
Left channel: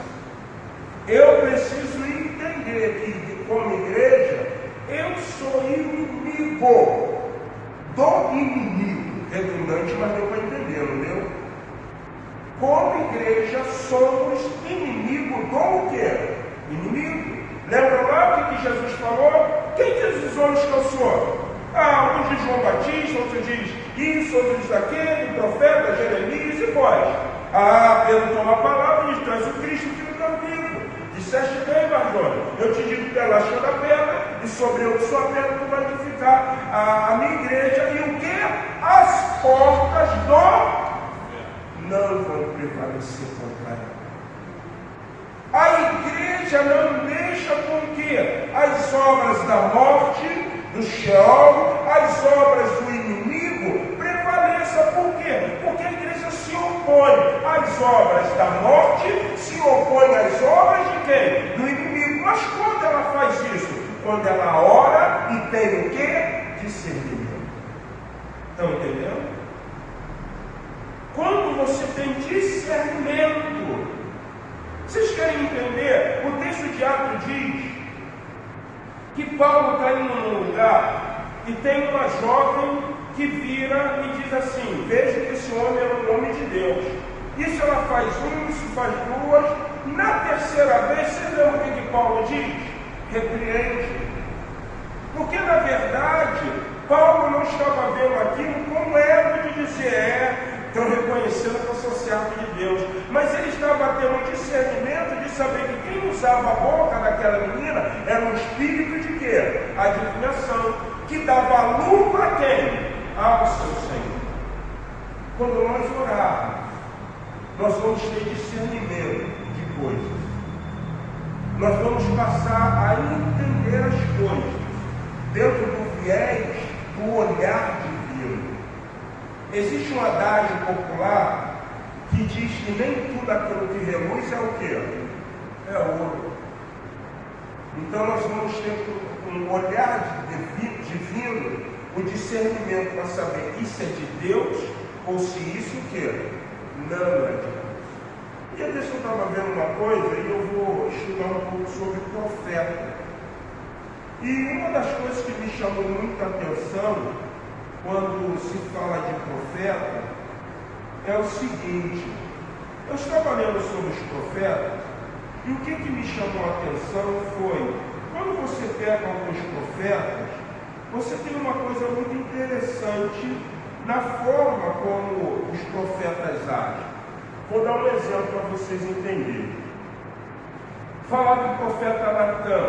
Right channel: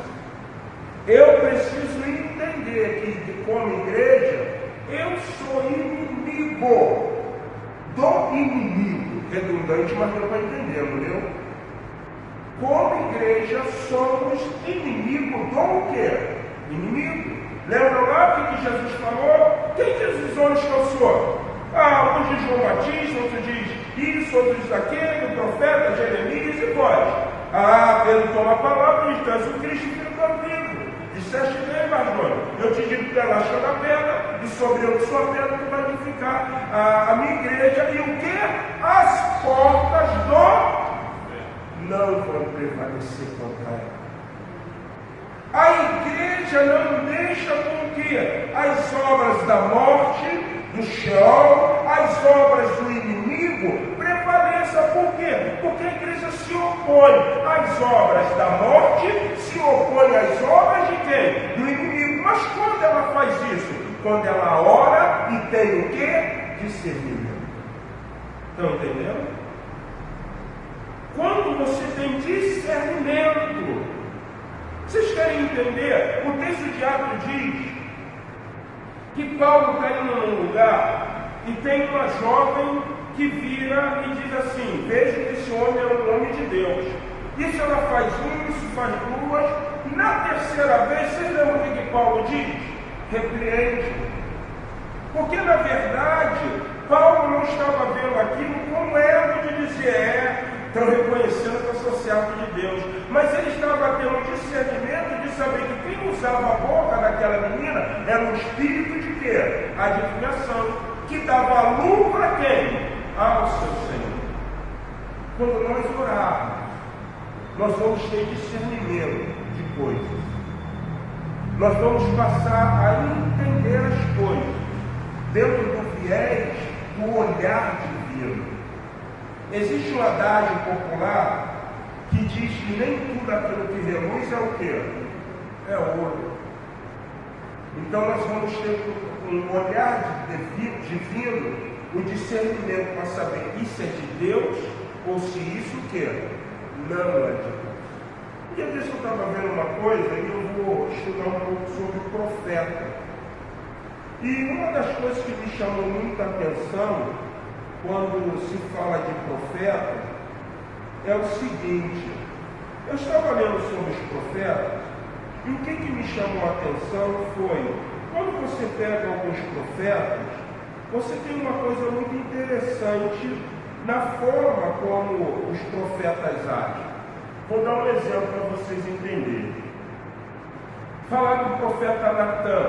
eu preciso entender que, como igreja, eu sou inimigo do inimigo. Redundante, mas deu para entender, não deu? Como igreja, somos inimigos do quê? Inimigo. Lembra lá o que Jesus falou? Quem diz os homens que eu sou? Um diz João Batista, outro diz isso, outro diz aquele, o profeta, Jeremias e vós. Pedro toma a palavra e diz: tu és o Cristo, filho do vivo. Disseste bem, Marjone, eu te digo pela chão da pedra, e sobre eu sou a pedra que vai edificar a minha igreja, e o que? As portas do não vão prevalecer contra ela. A igreja não deixa com que as obras da morte, do Sheol, as obras do inimigo prevaleçam. Por quê? Porque a igreja se opõe às obras da morte, se opõe às obras de quem? Do inimigo. Mas quando ela faz isso? Quando ela ora e tem o quê? Discernimento. Estão entendendo? Quando você tem discernimento, vocês querem entender? O texto de Atos diz que Paulo está indo num lugar e tem uma jovem que vira e diz assim: veja que esse homem é um homem de Deus. Isso ela faz isso faz duas. Na terceira vez, vocês lembram o que Paulo diz? Repreende. Porque na verdade, Paulo não estava vendo aquilo como era de dizer: estão reconhecendo que eu sou servo de Deus. Mas ele estava tendo o discernimento de saber que quem usava a boca daquela menina era um espírito de quê? Adivinação, que dava lucro a quem? Ao seu Senhor. Quando nós orarmos, nós vamos ter discernimento de coisas. Nós vamos passar a entender as coisas dentro do viés do olhar divino. Existe um adágio popular que diz que nem tudo aquilo que reluz é o quê? É ouro. Então nós vamos ter com um olhar divino o discernimento para saber isso é de Deus ou se isso o quê? Não é de Deus. E às vezes eu estava vendo uma coisa e eu vou estudar um pouco sobre profeta. E uma das coisas que me chamou muita atenção quando se fala de profeta é o seguinte: eu estava lendo sobre os profetas e o que me chamou a atenção foi, quando você pega alguns profetas, você tem uma coisa muito interessante na forma como os profetas agem. Vou dar um exemplo para vocês entenderem. Falar do profeta Natan,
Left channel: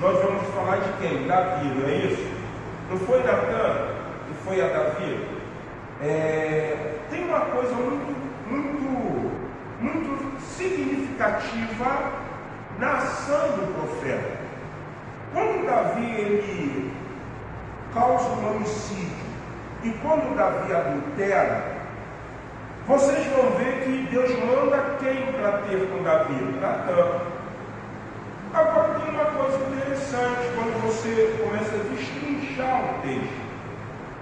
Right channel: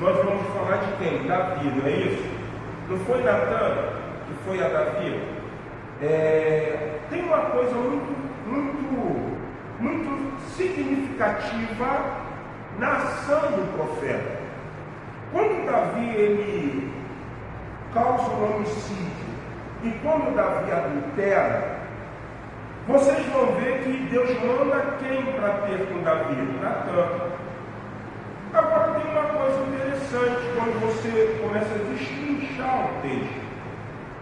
nós vamos falar de quem? Davi, não é isso? Não foi Natan que foi a Davi? Tem uma coisa muito significativa na ação do profeta. Quando Davi ele causa um homicídio e quando Davi adultera, vocês vão ver que Deus manda quem para ter com Davi? Natan. Agora tem uma coisa interessante, quando você começa a destrinchar o texto,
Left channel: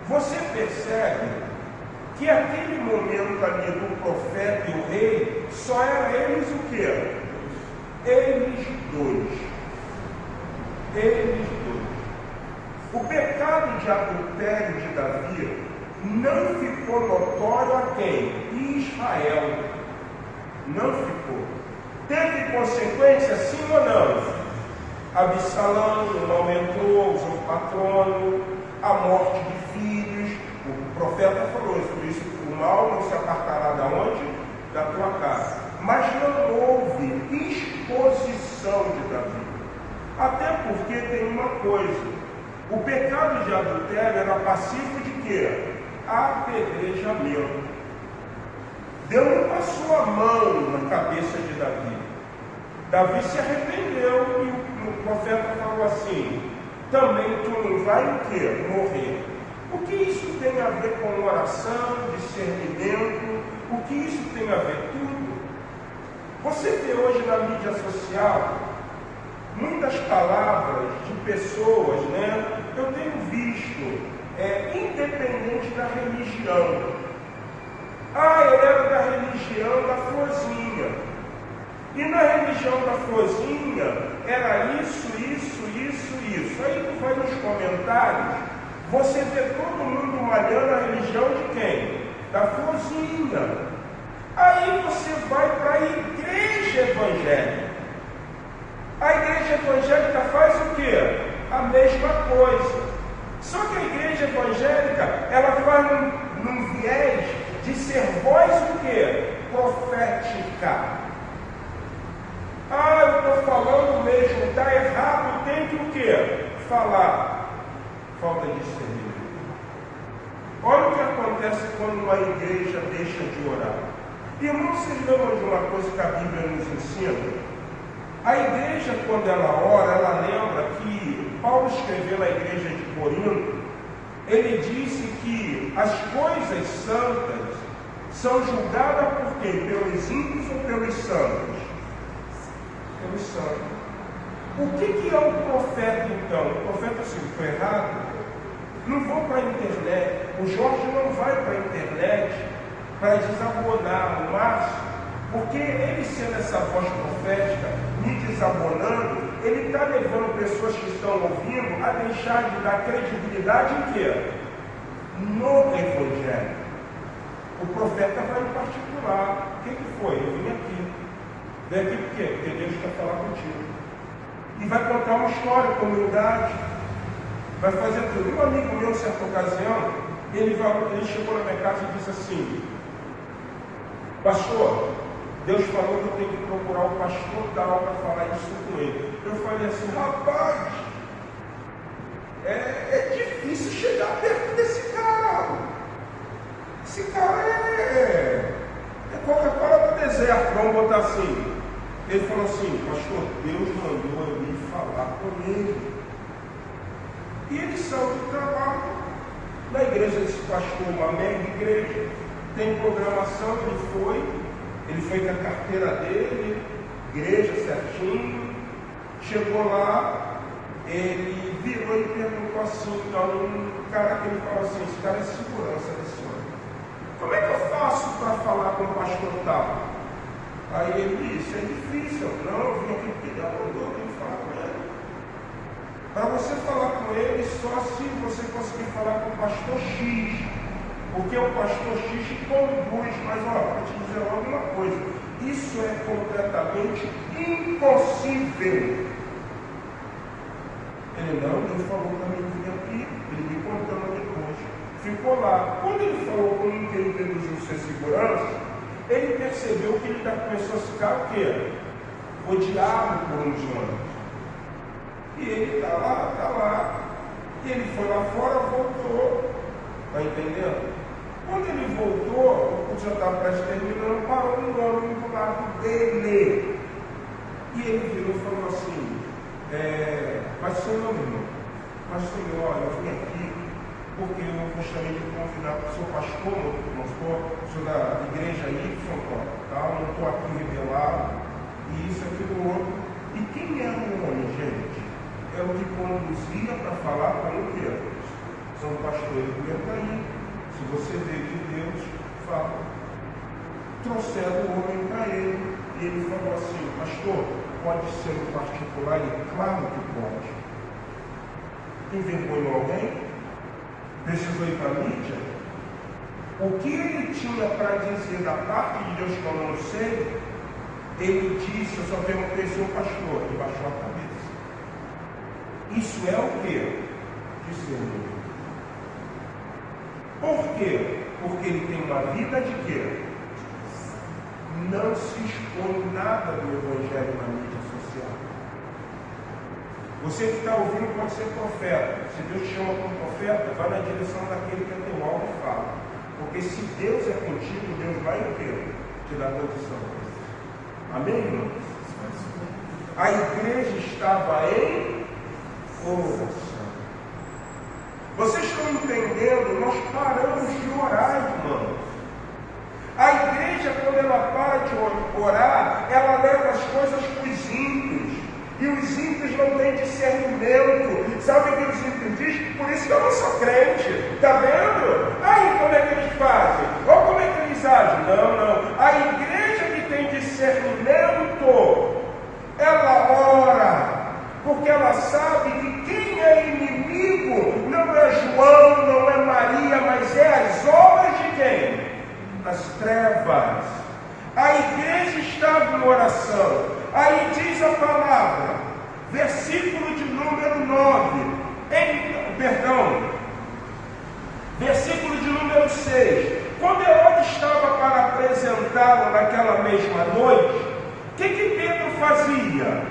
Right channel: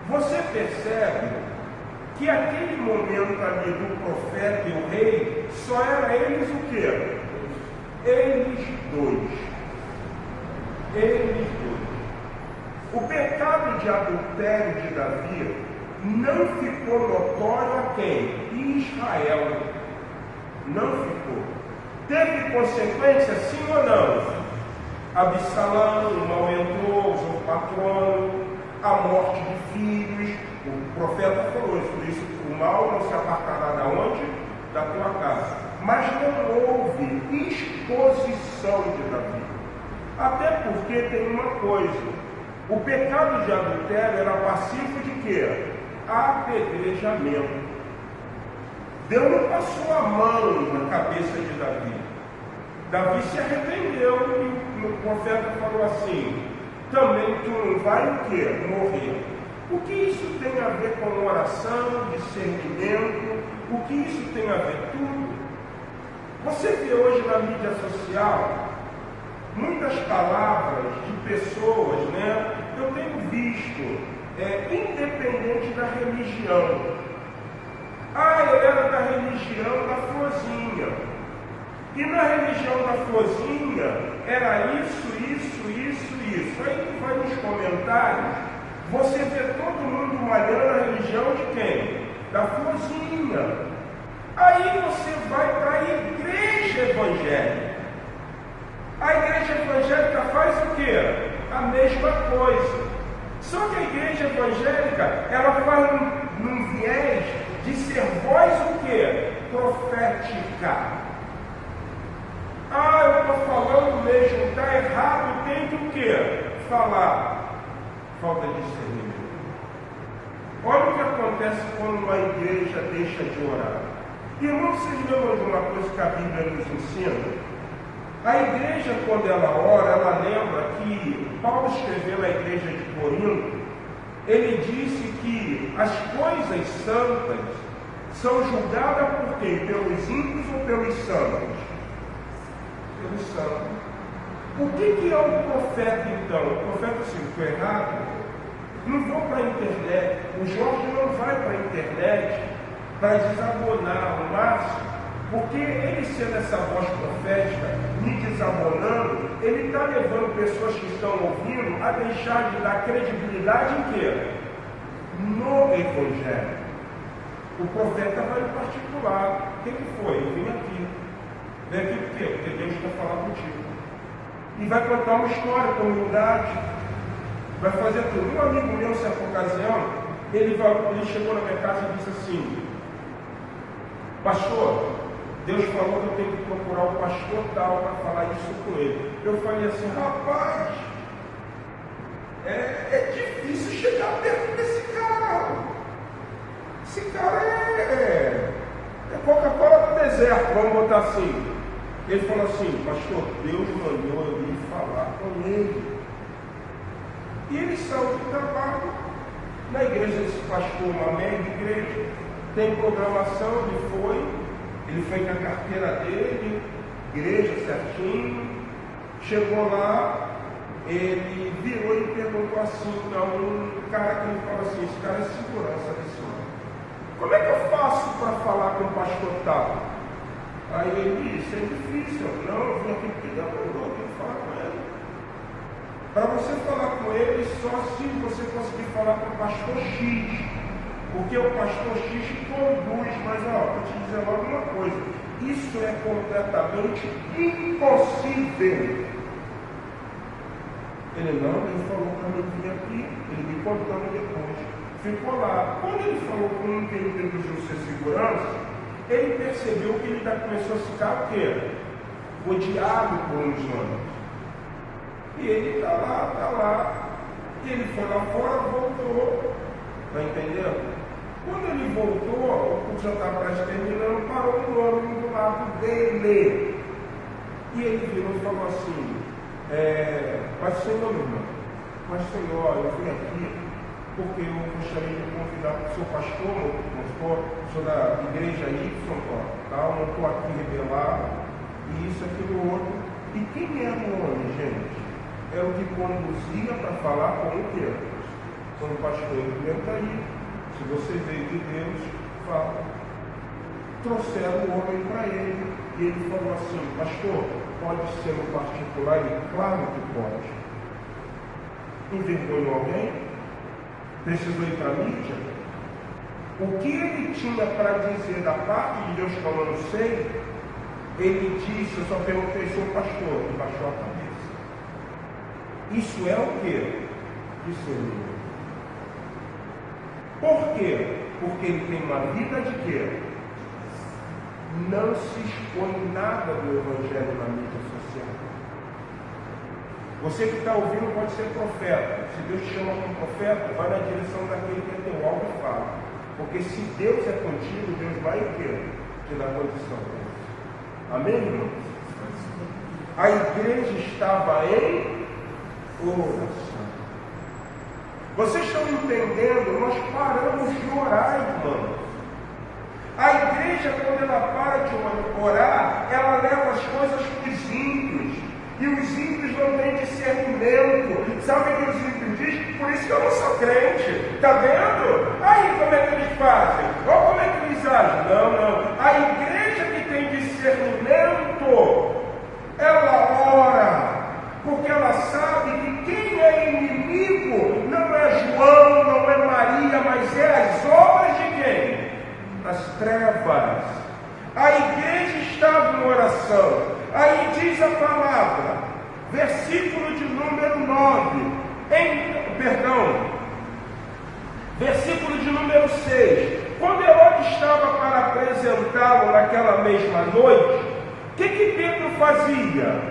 você percebe que aquele momento ali do profeta e o rei, só era eles o quê? Eles dois. Eles dois. O pecado de adultério de Davi não ficou notório a quem? Israel. Não ficou. Teve consequência, sim ou não? Absalão não aumentou, o patrono, a morte de filhos. O profeta falou isso, por isso o mal não se apartará da onde? Da tua casa. Mas não houve exposição de Davi. Até porque tem uma coisa: o pecado de adultério era passivo de quê? Apedrejamento. Deus não passou a mão na cabeça de Davi. Davi se arrependeu e o profeta falou assim: também tu não vai o quê? Morrer. O que isso tem a ver com oração, discernimento? O que isso tem a ver? Tudo. Você vê hoje na mídia social muitas palavras de pessoas, né? Eu tenho visto, independente da religião. Ele era da religião da florzinha. E na religião da florzinha era isso. Aí tu vai nos comentários, você vê todo mundo malhando a religião de quem? Da florzinha. Aí você vai para a igreja evangélica. A igreja evangélica faz o quê? A mesma coisa. Só que a igreja evangélica, ela faz num viés de ser voz o quê? Profética. Eu estou falando mesmo, está errado, tem que o quê? Falar. Falta de discernimento. Olha o que acontece quando a igreja deixa de orar. Irmãos, vocês lembram de uma coisa que a Bíblia nos ensina? A igreja, quando ela ora, ela lembra que Paulo escreveu na igreja de Corinto, ele disse que as coisas santas são julgadas por quem? Pelos ímpios ou pelos santos? Pelos santos. O que é um profeta então? O profeta, se estou errado, não vão para a internet. O Jorge não vai para a internet para desabonar no máximo, porque ele sendo essa voz profética, me desabonando, ele está levando pessoas que estão ouvindo a deixar de dar credibilidade em quê? No Evangelho. O profeta vai em particular. O que foi? Eu vim aqui. Vem aqui por quê? Porque Deus quer falar contigo. E vai contar uma história com humildade. Vai fazer tudo. Um amigo meu, em certa ocasião, ele chegou na minha casa e disse assim: pastor, Deus falou que eu tenho que procurar o pastor tal para falar isso com ele. Eu falei assim: rapaz, é difícil chegar perto desse cara. Esse cara é Coca-Cola do deserto, vamos botar assim. Ele falou assim: pastor, Deus mandou eu ir falar com ele. E ele saiu do trabalho. Na igreja desse pastor, uma mega igreja, tem programação, ele foi com a carteira dele, igreja certinho, Chegou lá, ele virou e perguntou assim, então, um cara que ele falou assim, esse cara é segurança desse homem. Como é que eu faço para falar com o pastor tal? Aí ele disse, é difícil, não, eu vim aqui porque ele mandou eu falar com ele. Para você falar com ele, só se você conseguir falar com o pastor X. Porque o pastor X conduz, mas vou te dizer logo uma coisa, isso é completamente impossível. Ele não, ele falou para mim vir aqui, ele me contando depois. Ficou lá. Quando ele falou com um que ele introduziu ser segurança, ele percebeu que ele começou a ficar o quê? Odiado por uns anos. E ele está lá. E ele foi lá fora, voltou. Está entendendo? Quando ele voltou, o já estava quase terminando, parou um homem do lado dele. E ele virou e falou assim, mas senhor, eu vim aqui porque eu gostaria de convidar o seu pastor, o senhor da igreja Y, tal, não estou aqui revelado, e isso, aquilo, outro. E quem era o homem, gente? É o que conduzia para falar com o Deus. Quando o pastor ele está aí, se você veio de Deus, fala. Trouxeram o homem para ele, e ele falou assim, pastor, pode ser no particular? E claro que pode. Envergonhou alguém? Precisou ir para a mídia? O que ele tinha para dizer da parte de Deus, como eu não sei, ele disse, eu só perguntei se o pastor, e baixou a cabeça. Isso é o quê? Discernimento. Por quê? Porque ele tem uma vida de quê? Não se expõe nada do Evangelho na mídia social. Você que está ouvindo pode ser profeta. Se Deus te chama como profeta, vai na direção daquele que tem algo e fala. Porque se Deus é contigo, Deus vai ter te dar condição. Amém, irmãos? A igreja estava em oração. Vocês estão entendendo? Nós paramos de orar, irmãos. A igreja, quando ela para de orar, ela leva as coisas para os ímpios. E os ímpios não têm discernimento. Sabe o que os ímpios dizem? Por isso que eu não sou crente. Está vendo? Aí como é que eles fazem? Ou como é que eles agem? Não. A igreja que tem discernimento, ela ora. Porque ela sabe que quem é inimigo não é João, não é Maria, mas é as obras de quem? As trevas. A igreja estava em oração. Aí diz a palavra, versículo de número 9, versículo de número 6. Quando Herodes estava para apresentá-lo naquela mesma noite, o que Pedro fazia?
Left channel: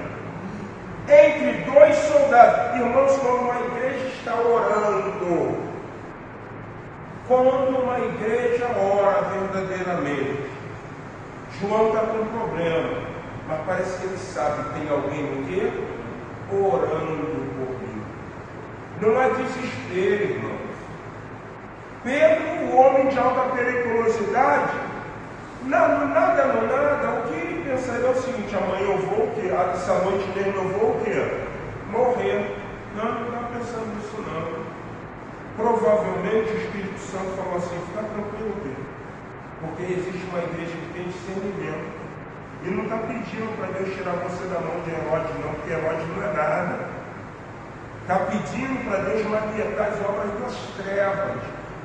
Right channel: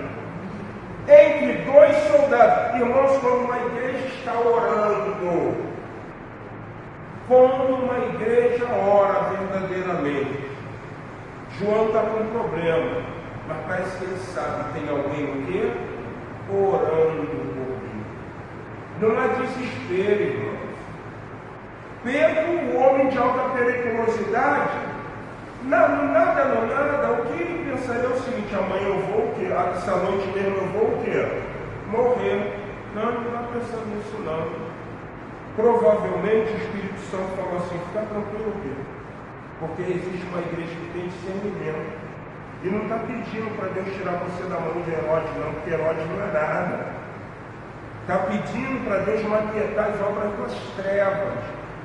Entre dois soldados. Irmãos, quando uma igreja está orando, quando uma igreja ora verdadeiramente, João está com um problema, mas parece que ele sabe que tem alguém aqui orando por mim. Não há desespero, irmãos. Pedro, o homem de alta periculosidade, nada, o que ele pensaria é o seguinte: amanhã eu vou o quê? Essa noite mesmo eu vou o quê? Morrer. Não está pensando nisso não. Provavelmente o Espírito Santo falou assim: fica tranquilo, Pedro, porque existe uma igreja que tem discernimento. E não está pedindo para Deus tirar você da mão de Herodes, não, porque Herodes não é nada. Está pedindo para Deus maquietar as obras das trevas,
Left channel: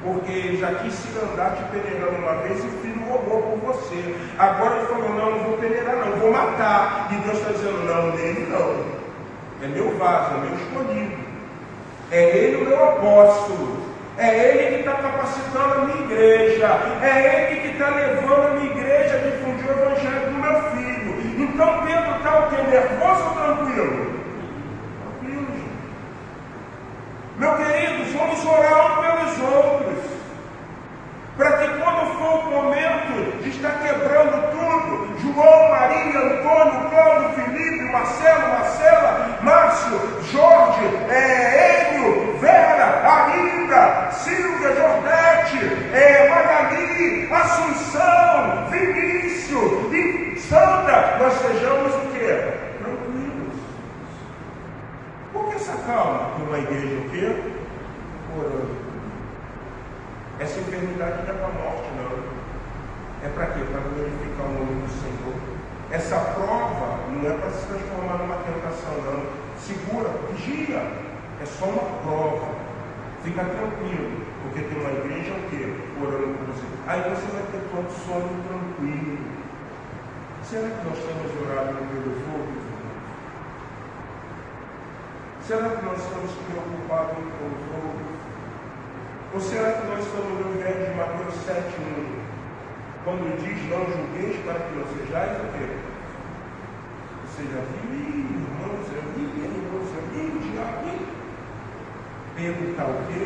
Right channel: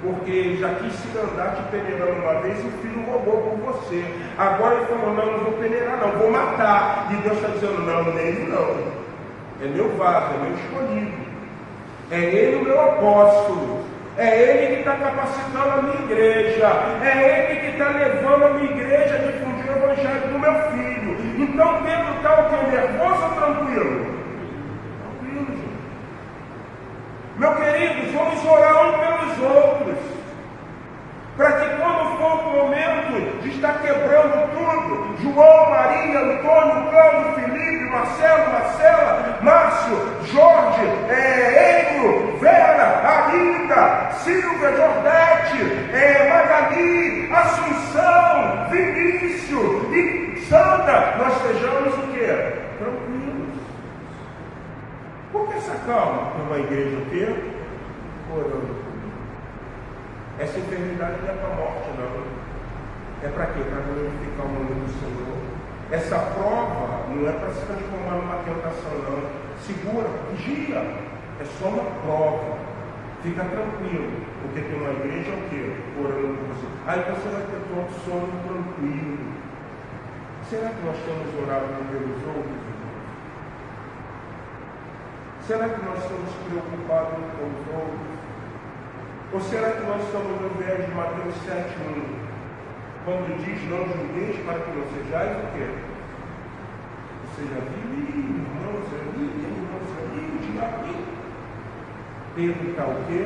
porque ele já quis se andar te peneirando uma vez e o filho roubou por você. Agora ele falou: não vou peneirar, não, vou matar. E Deus está dizendo: não, nele não. É meu vaso, é meu escolhido. É ele o meu apóstolo. É ele que está capacitando a minha igreja. É ele que está levando a minha igreja a difundir o evangelho do meu filho. Então Pedro está o quê? Nervoso ou tranquilo? Tranquilo, gente. Meus queridos, vamos orar uns pelos outros, para que quando for o momento de estar quebrando tudo, João, Maria, Antônio, Cláudio, Felipe, Marcelo, Marcela, Márcio, Jorge, Enio, Vera, Arinda, Silvia, Jordete, Magali, Assunção, Vinícius e Sandra, nós sejamos o quê? Tranquilos. calma, tem uma igreja o quê? Orando. Essa enfermidade não é para a morte, não. É para quê? Para glorificar o nome do Senhor. Essa prova não é para se transformar numa tentação, não. Segura, vigia. É só uma prova. Fica tranquilo, porque tem uma igreja o quê? Orando por você. Aí você vai ter todo sono tranquilo. Será que nós temos orado pelos outros? Será que nós estamos preocupados com os outros? Ou será que nós estamos no verso de Mateus 7:1, quando diz, não julgueis para que não sejais o quê? Ou seja, irmãos, diabo. Pedro está o quê?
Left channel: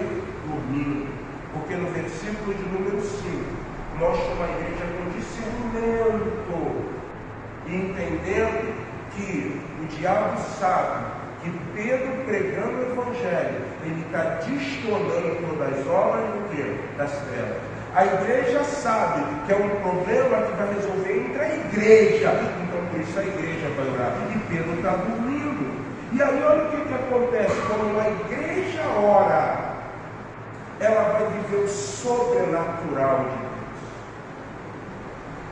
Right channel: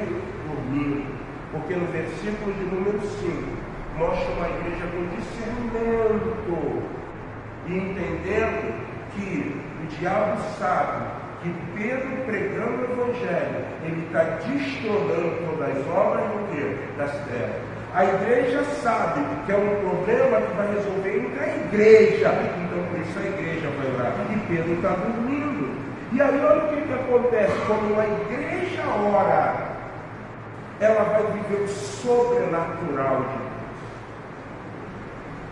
Dormindo. Porque no versículo de número 5, mostra uma igreja com discernimento e entendendo que o diabo sabe que Pedro, pregando o Evangelho, ele está destronando todas as obras do quê? Das trevas. A igreja sabe que é um problema que vai resolver entre a igreja. Então, por isso a igreja vai orar. E Pedro está dormindo. E aí, olha o que acontece. Quando uma igreja ora, ela vai viver o sobrenatural de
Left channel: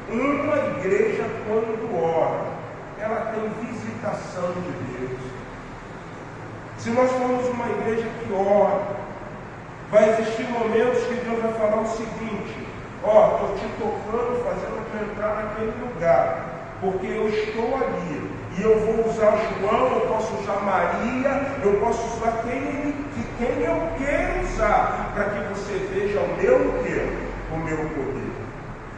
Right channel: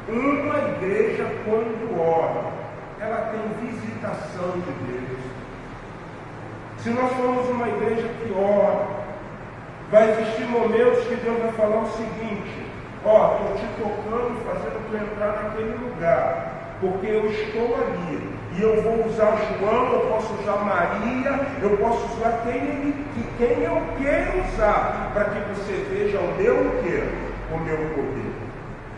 Deus. Uma igreja, quando ora, ela tem visitação de Deus. Se nós formos uma igreja que ora, vai existir momentos que Deus vai falar o seguinte: ó, estou te tocando, fazendo tu entrar naquele lugar, porque eu estou ali, e eu vou usar João, eu posso usar Maria, eu posso usar quem eu quero usar, para que você veja o meu poder.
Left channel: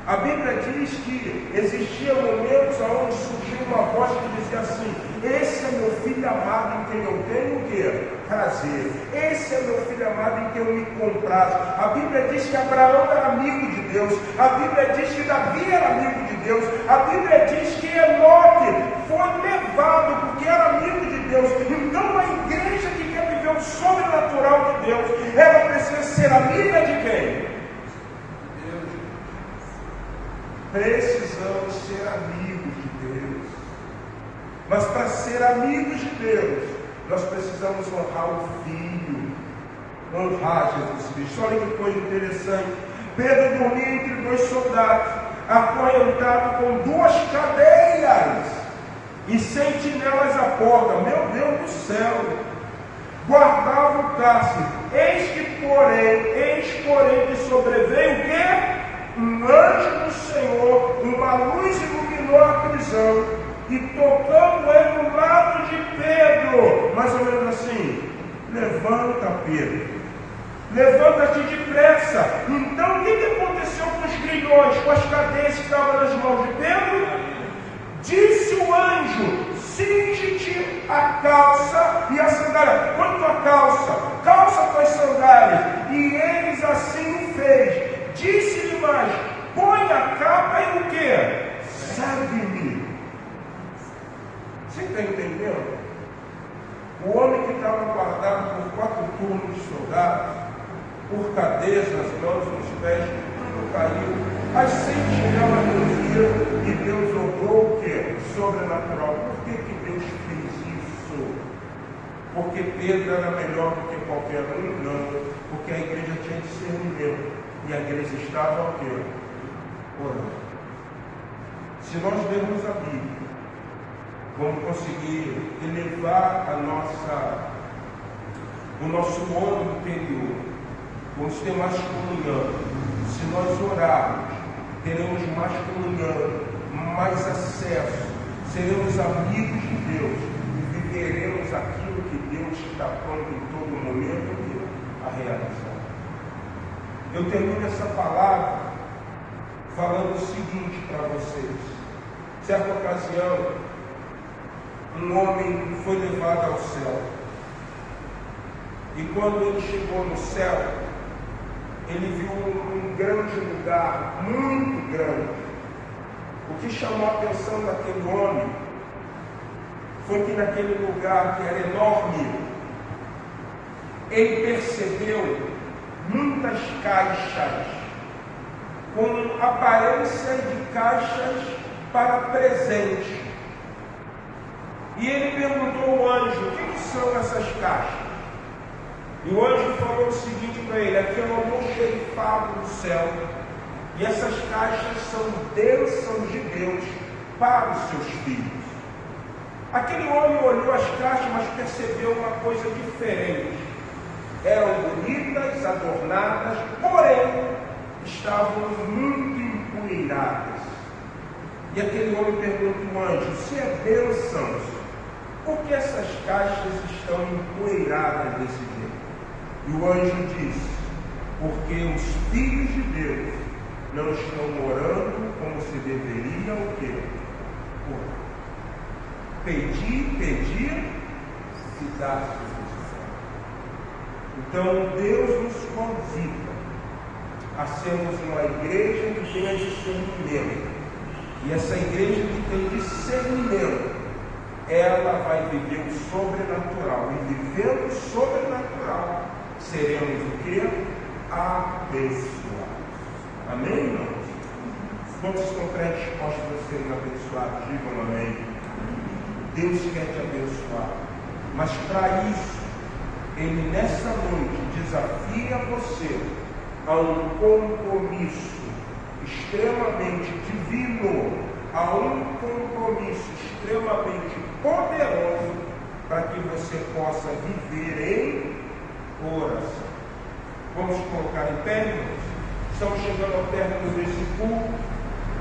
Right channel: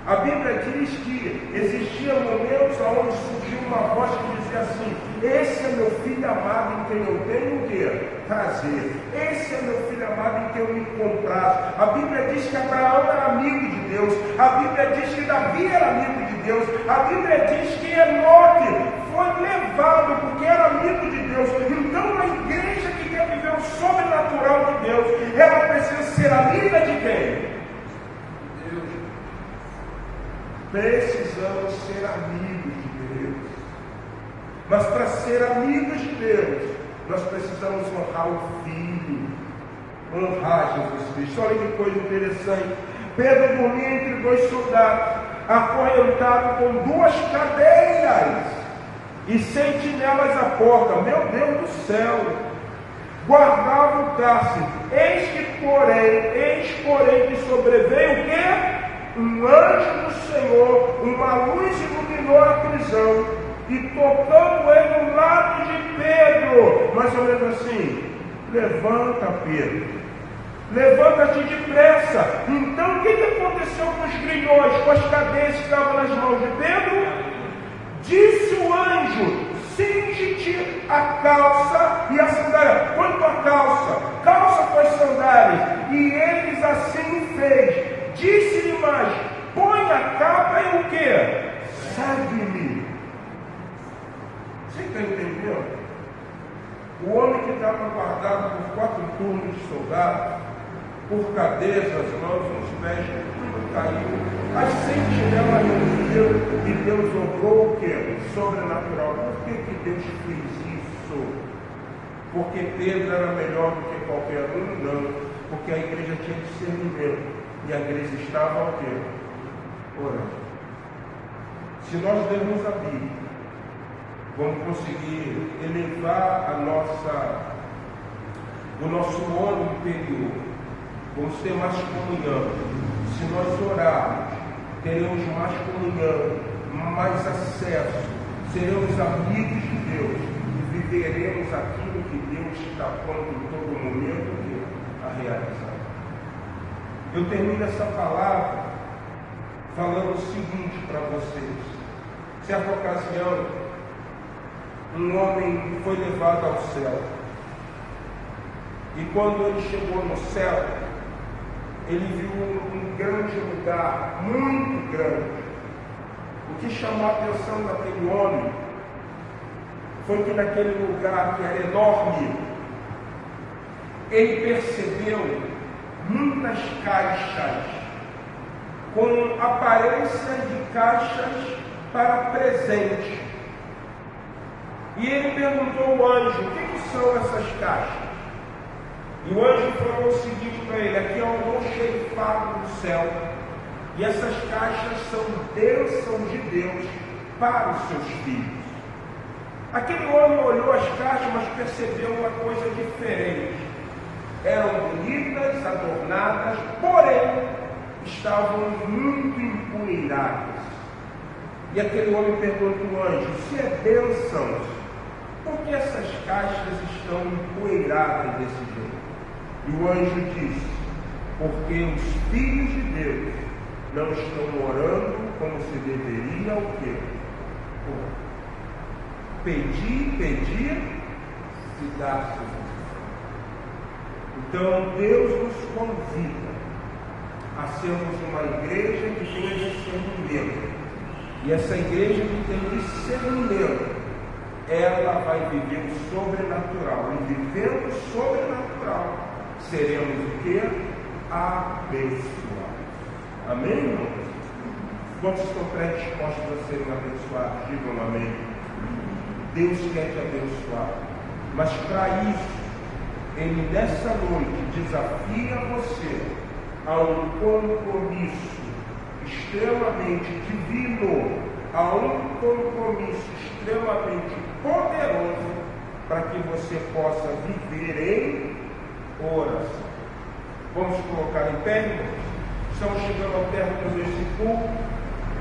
A Bíblia diz que existiam momentos onde surgiu uma voz que dizia assim: esse é meu filho amado em quem eu tenho o quê? Prazer. Esse é meu filho amado em quem eu me comprazo. A Bíblia diz que Abraão era amigo de Deus. A Bíblia diz que Davi era amigo de Deus. A Bíblia diz que Enoque foi levado porque era amigo de Deus. Então a igreja que quer viver o sobrenatural de Deus, ela precisa ser amiga de quem? Precisamos ser amigos de Deus. Mas para ser amigos de Deus, nós precisamos honrar o Filho, honrar Jesus Cristo. Olha que coisa interessante. Pedro dormia entre dois soldados, acorrentado com duas cadeias e sentinelas à porta. Meu Deus do céu! Guardava o cárcere. Eis, porém, que sobreveio o quê? Um anjo do Senhor, uma luz iluminou a prisão, e tocando ele no lado de Pedro, mais ou menos assim: levanta, Pedro, levanta-te depressa. Então o que aconteceu com os grilhões, com as cadeias que estavam nas mãos de Pedro? Disse o anjo: cinge-te a calça e a sandália. Põe tua calça tuas sandálias. E eles assim fez. Disse-lhe mais: põe a capa e o quê? Segue-me. Você está entendendo? O homem que estava guardado por 4 turnos de soldados, por cadeias nas mãos, nos pés, tudo caiu. As sentinelas reduziram e Deus obrou o quê? Sobrenatural. Por que Deus fez isso? Porque Pedro era melhor do que qualquer um? Não. Porque a igreja tinha discernimento. E a igreja estava o quê? Orando. Se nós lermos a Bíblia, vamos conseguir elevar o nosso homem interior. Vamos ter mais comunhão. Se nós orarmos, teremos mais comunhão, mais acesso, seremos amigos de Deus e viveremos aquilo que Deus está pondo em todo momento a realizar. Eu termino essa palavra falando o seguinte para vocês. Certa ocasião, um homem foi levado ao céu. E quando ele chegou no céu, ele viu um grande lugar, muito grande. O que chamou a atenção daquele homem foi que naquele lugar que era enorme, ele percebeu muitas caixas, com aparência de caixas para presente. E ele perguntou ao anjo: o que são essas caixas? E o anjo falou o seguinte para ele: aqui é um almoxerifado do céu, e essas caixas são bênçãos de Deus para os seus filhos. Aquele homem olhou as caixas, mas percebeu uma coisa diferente. Eram bonitas, adornadas, porém estavam muito empoeiradas. E aquele homem perguntou ao anjo: se é bênçãos, por que essas caixas estão empoeiradas desse jeito? E o anjo disse: porque os filhos de Deus não estão orando como se deveria o quê? Pedir, e dar-se. Então Deus nos convida a sermos uma igreja que tenha discernimento. E essa igreja que tem discernimento, ela vai viver o sobrenatural. E vivendo o sobrenatural, seremos o quê? Abençoados. Amém, irmãos? Quantos estão predispostos a serem abençoados? Digam amém. Deus quer te abençoar. Mas para isso, Ele nessa noite desafia você a um compromisso extremamente divino, a um compromisso extremamente poderoso, para que você possa viver em oração. Vamos colocar em pé, irmãos? Estamos chegando ao término desse culto.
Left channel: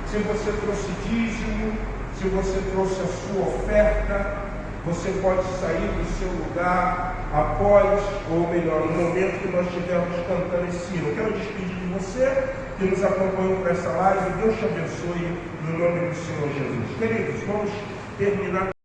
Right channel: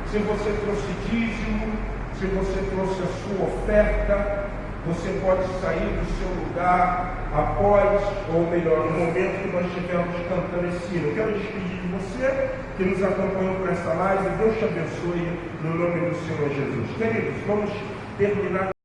Se você trouxe dízimo, se você trouxe a sua oferta, você pode sair do seu lugar após, ou melhor, no momento que nós estivermos cantando esse hino. Eu quero despedir de você que nos acompanhou por essa live. Deus te abençoe no nome do Senhor Jesus. Queridos, vamos terminar.